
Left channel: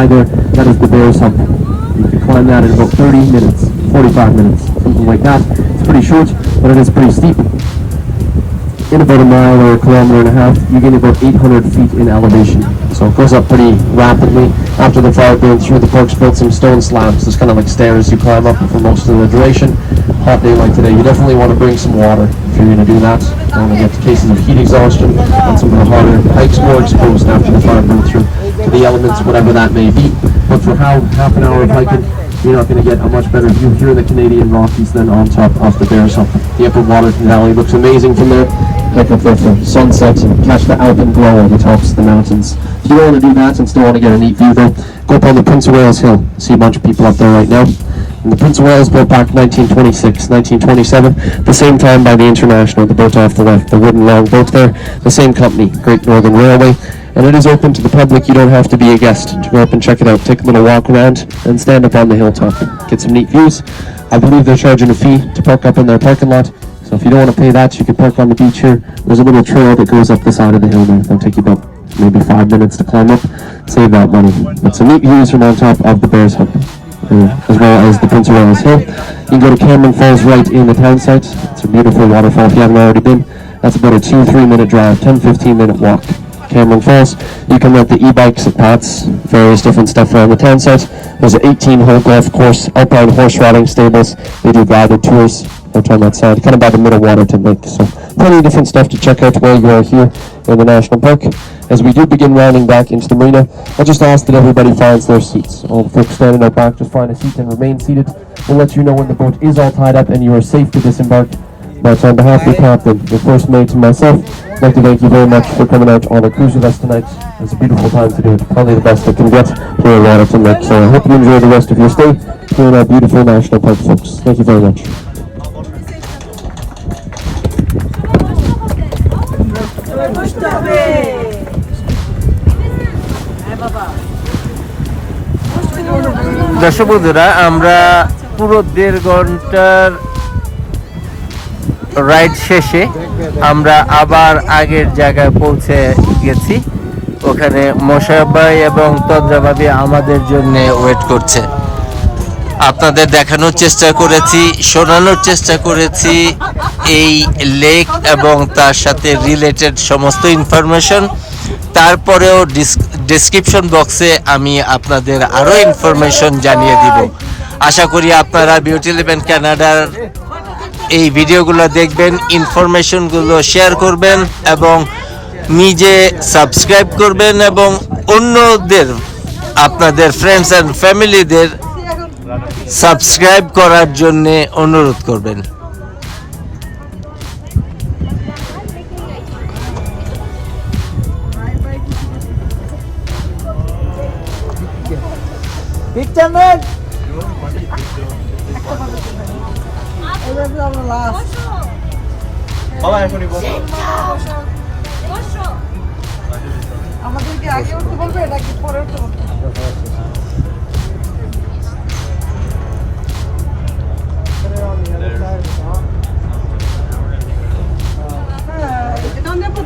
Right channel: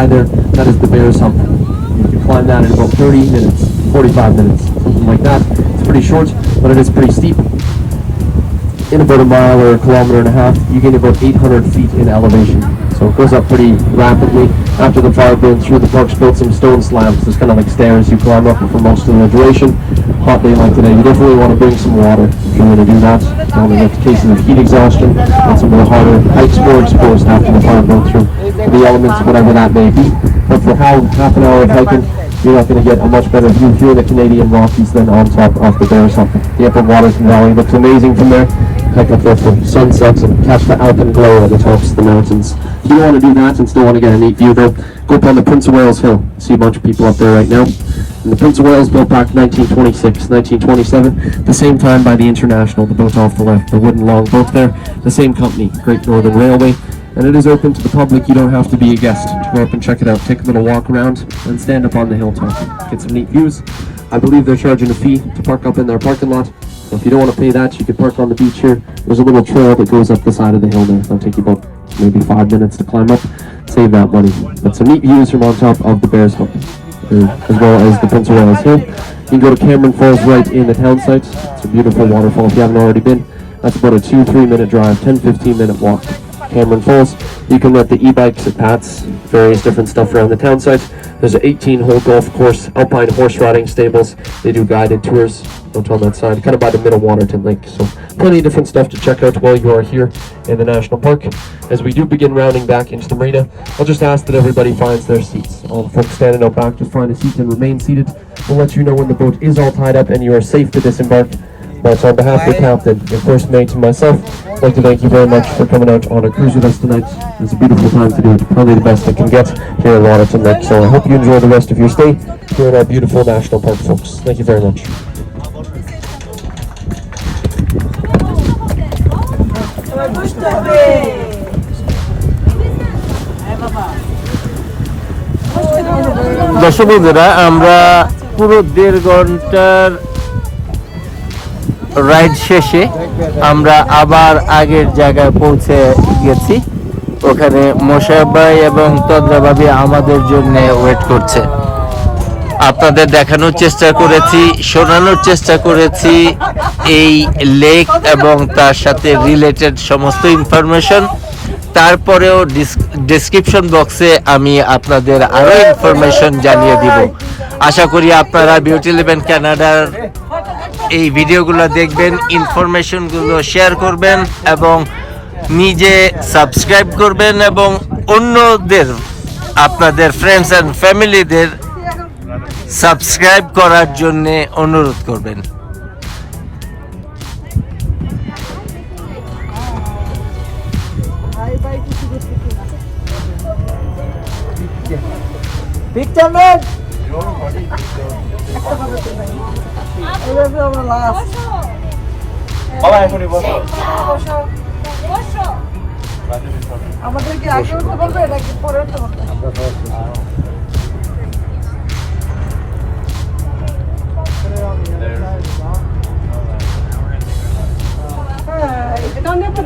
there, that is the Bear's Hut. You can climb that in about 30 minutes, 45 minutes, something like that. It's pretty short, but it is pretty steep. In about a mile or a kilometer and a half, you gain about 800 feet in elevation. So it goes up pretty rapidly. After the fire burned through, the park's built some stone slabs. It's kind of like stairs you climb up for most of the duration. Hot day like today, you definitely want to bring some water if you're going to do that. And in cases of heat exhaustion, and some of the harder hikes more exposed after the fire burned through. The elements, whatever that may be. But for half an hour of hiking, you're not going to get a much better view here in the Canadian Rockies than on top of the Bear's Hut. The Upper Waterton Valley looks amazing from there. Hike up there for sunsets and catch the alpenglow at the tops of the mountains. If you want to do that and still want to get a neat view though, go up on the Prince of Wales Hill. See a bunch of people up there right now. And the Prince of Wales built back 1926, 1927, the same time by the International, the boat off the left, the wooden long boat there, the same company, Great Northern Railway. And it is open to the public. You don't have to be a guest to go up and check it out. Take a little walk around and stand up on the hilltop. Get some neat views. I believe they're charging a fee to park up in their parking lot. So if you don't want to pay that, you can park on the beach here. There's a little trail that goes up the side of the hill there. It'll take you about maybe 5 minutes to climb up. Save that money. But some neat views from on top of the Bear's Hut, as well as the Prince of Wales Hill. You can go to Cameron Falls right in the town site. It's a beautiful waterfall if you haven't already been. That's about a 2-3 minute drive, 10-15 minute walk. Cameron Falls. You can rent the e-bikes at Pat's, various different stuff around the town site. There's an 18-hole golf course, alpine horse riding stables. They do guided tours out on that side, kind of by the middle Waterton Lake. So plenty of different stuff to check out while you are here in the national park. As we do begin rounding back into the marina, I'll just ask that everybody finds their seats. All the folks standing out back, just find a seat and remain seated. We'll let you know when the boat is all tied up and you are safe to disembark. But on behalf of the captain, the first mate, and myself, I'd like to thank you very much for coming out on a cruise with us tonight. It's a beautiful time to do it, probably the best that can get here at Waterton Lake. So I hope you enjoy the rest of your stay here in our beautiful national park, folks. Thank you very much. দর্শক বন্ধুরা, আমরা পুরো 1.5 ঘন্টার ride শেষে আমরা আবার আগের জায়গায় পৌঁছে গেছি। ওখানে মোশাররফ ভাই এবং তন্দ্রা ভাবি আমাদের জন্য ওয়েট করছে। আপনাদের দেখানোর চেষ্টা করেছি, শোনানোর চেষ্টা করেছি এই লেক এবং তার সাথে রিলেটেড সমস্ত ইনফরমেশন। তারপরেও ডেসক্রিপশন বক্সে আমি আপনাদের আরও ইনফরমেশন জানিয়ে দিব। আশা করি আপনারা বিউটিলেভেন কানাডার এই ভিডিওগুলো দেখবেন, ইনফরমেশনগুলো শেয়ার করবেন এবং নিজে সাবস্ক্রাইব করবেন এবং অন্যদের, আপনাদের ফ্রেন্ডস অ্যান্ড ফ্যামিলিদের সাবস্ক্রাইব করার জন্য অনুরোধ করবেন। আমাদের কি আগে উঠতে বলবে নাকি পরে উঠতে বলবে?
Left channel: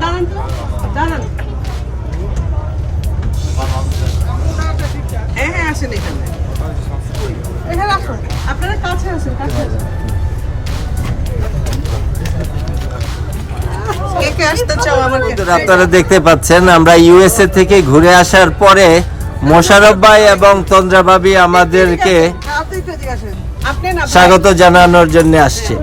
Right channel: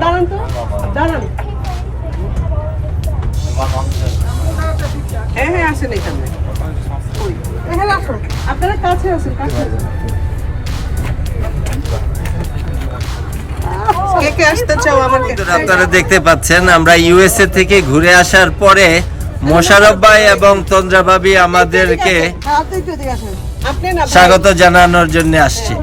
দাঁড়ান তো, দাঁড়ান। হ্যাঁ আসেন এখানে, এখানে আসুন, আপনারা কাছে আসুন, কাছে আসুন। আপনারা দেখতে পাচ্ছেন আমরা ইউএসএ থেকে ঘুরে আসার পরে মোশাররফ ভাই এবং তন্দ্রা ভাবি আমাদেরকে স্বাগত জানানোর জন্য আসছে।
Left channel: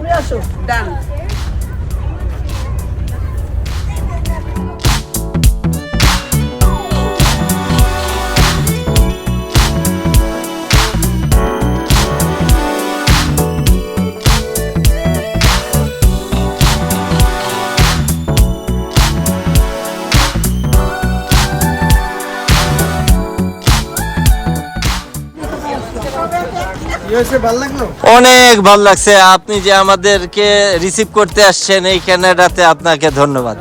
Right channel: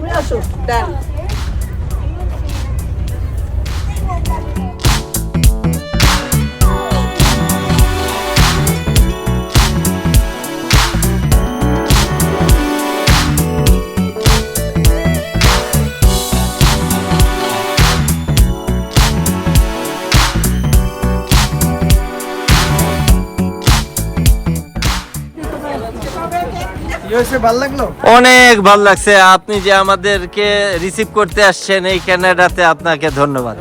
অনেক ভালো লাগছে। আপনি যে আমাদেরকে রিসিভ করতে আসছেন এই কানাডাতে, আপনাকে ধন্যবাদ।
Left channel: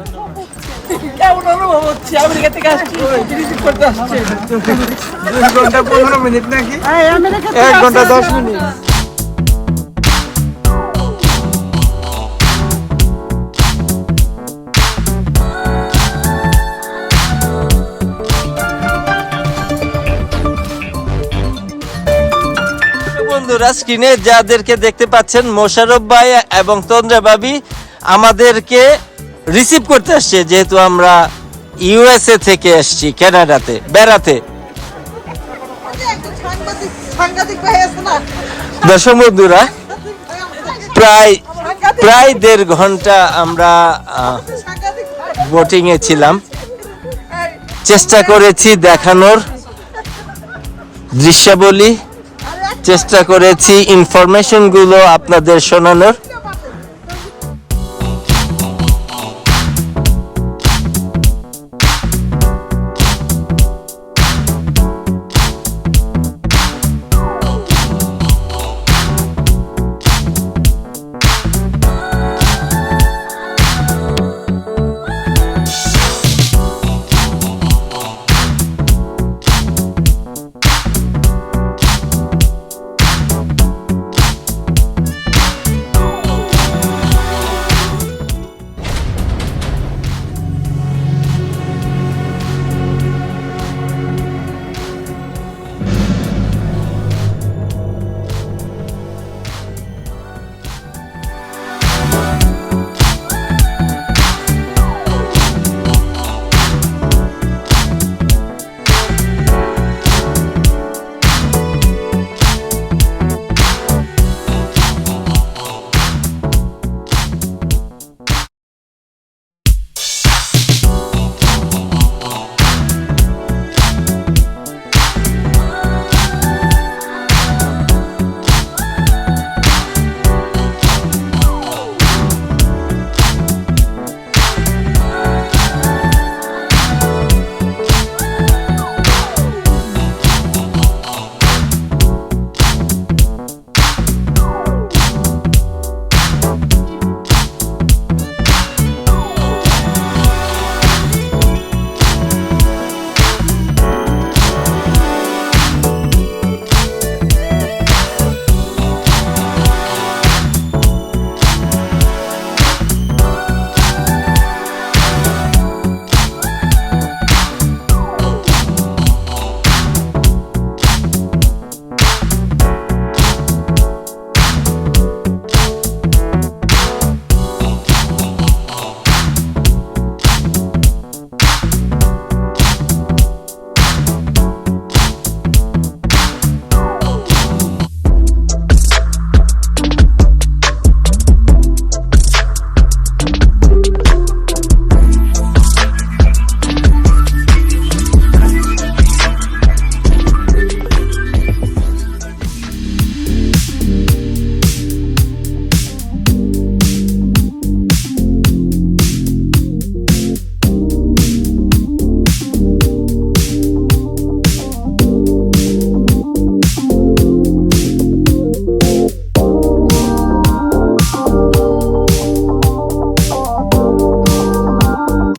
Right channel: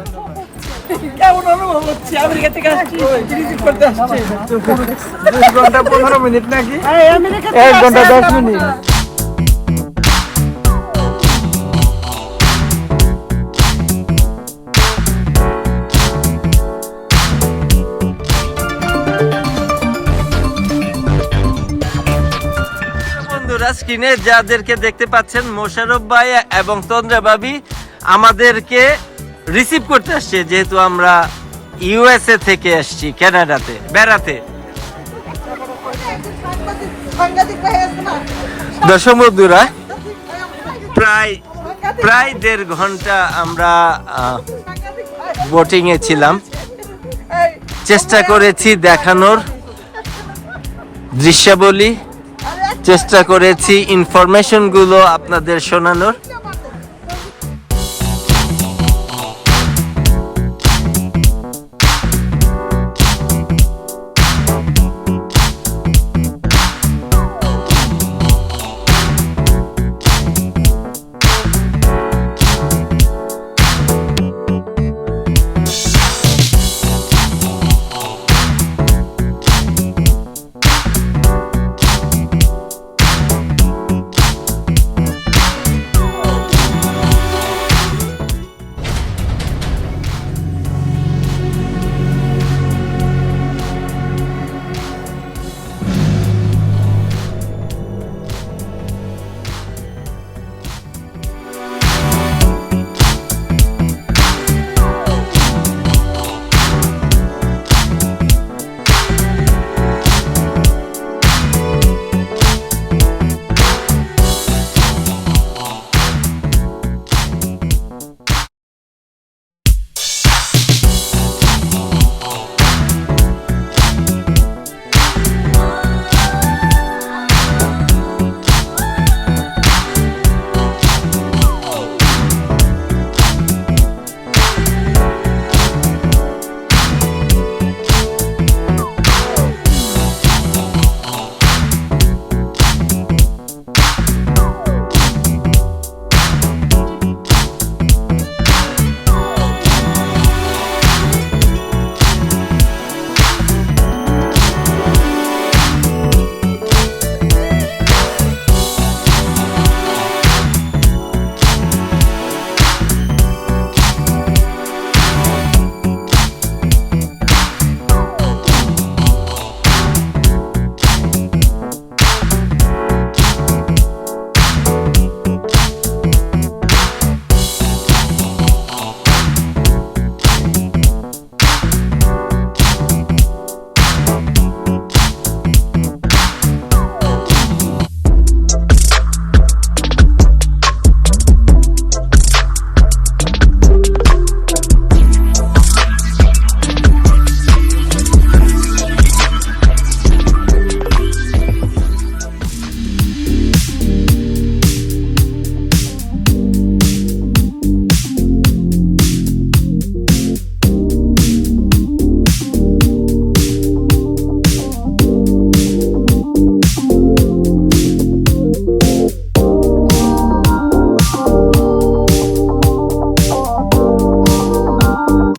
আমেরিকা থেকে আসছি, রিসিভ করতে আসছি। 2 ঘন্টা 15 মিনিট নাকি? 1 ঘন্টা 10 মিনিট। বন্ধুরা, স্ক্রিনে যাদেরকে দেখতে পাচ্ছেন মোশাররফ ভাই এবং তন্দ্রা ভাবি আমাদেরকে রিসিভ করতে আসছে, যেহেতু আমরা ইউএসএ থেকে আসছি কানাডাতে বেড়াতে। দর্শক বন্ধুরা, প্রায় 1.5 ঘন্টা আমরা বোটিং এ ছিলাম। চেষ্টা করেছি দেখানোর দৃশ্যাবলী, চেষ্টা করেছি ইনফরমেশন গুলো আপনাদের শোনানোর।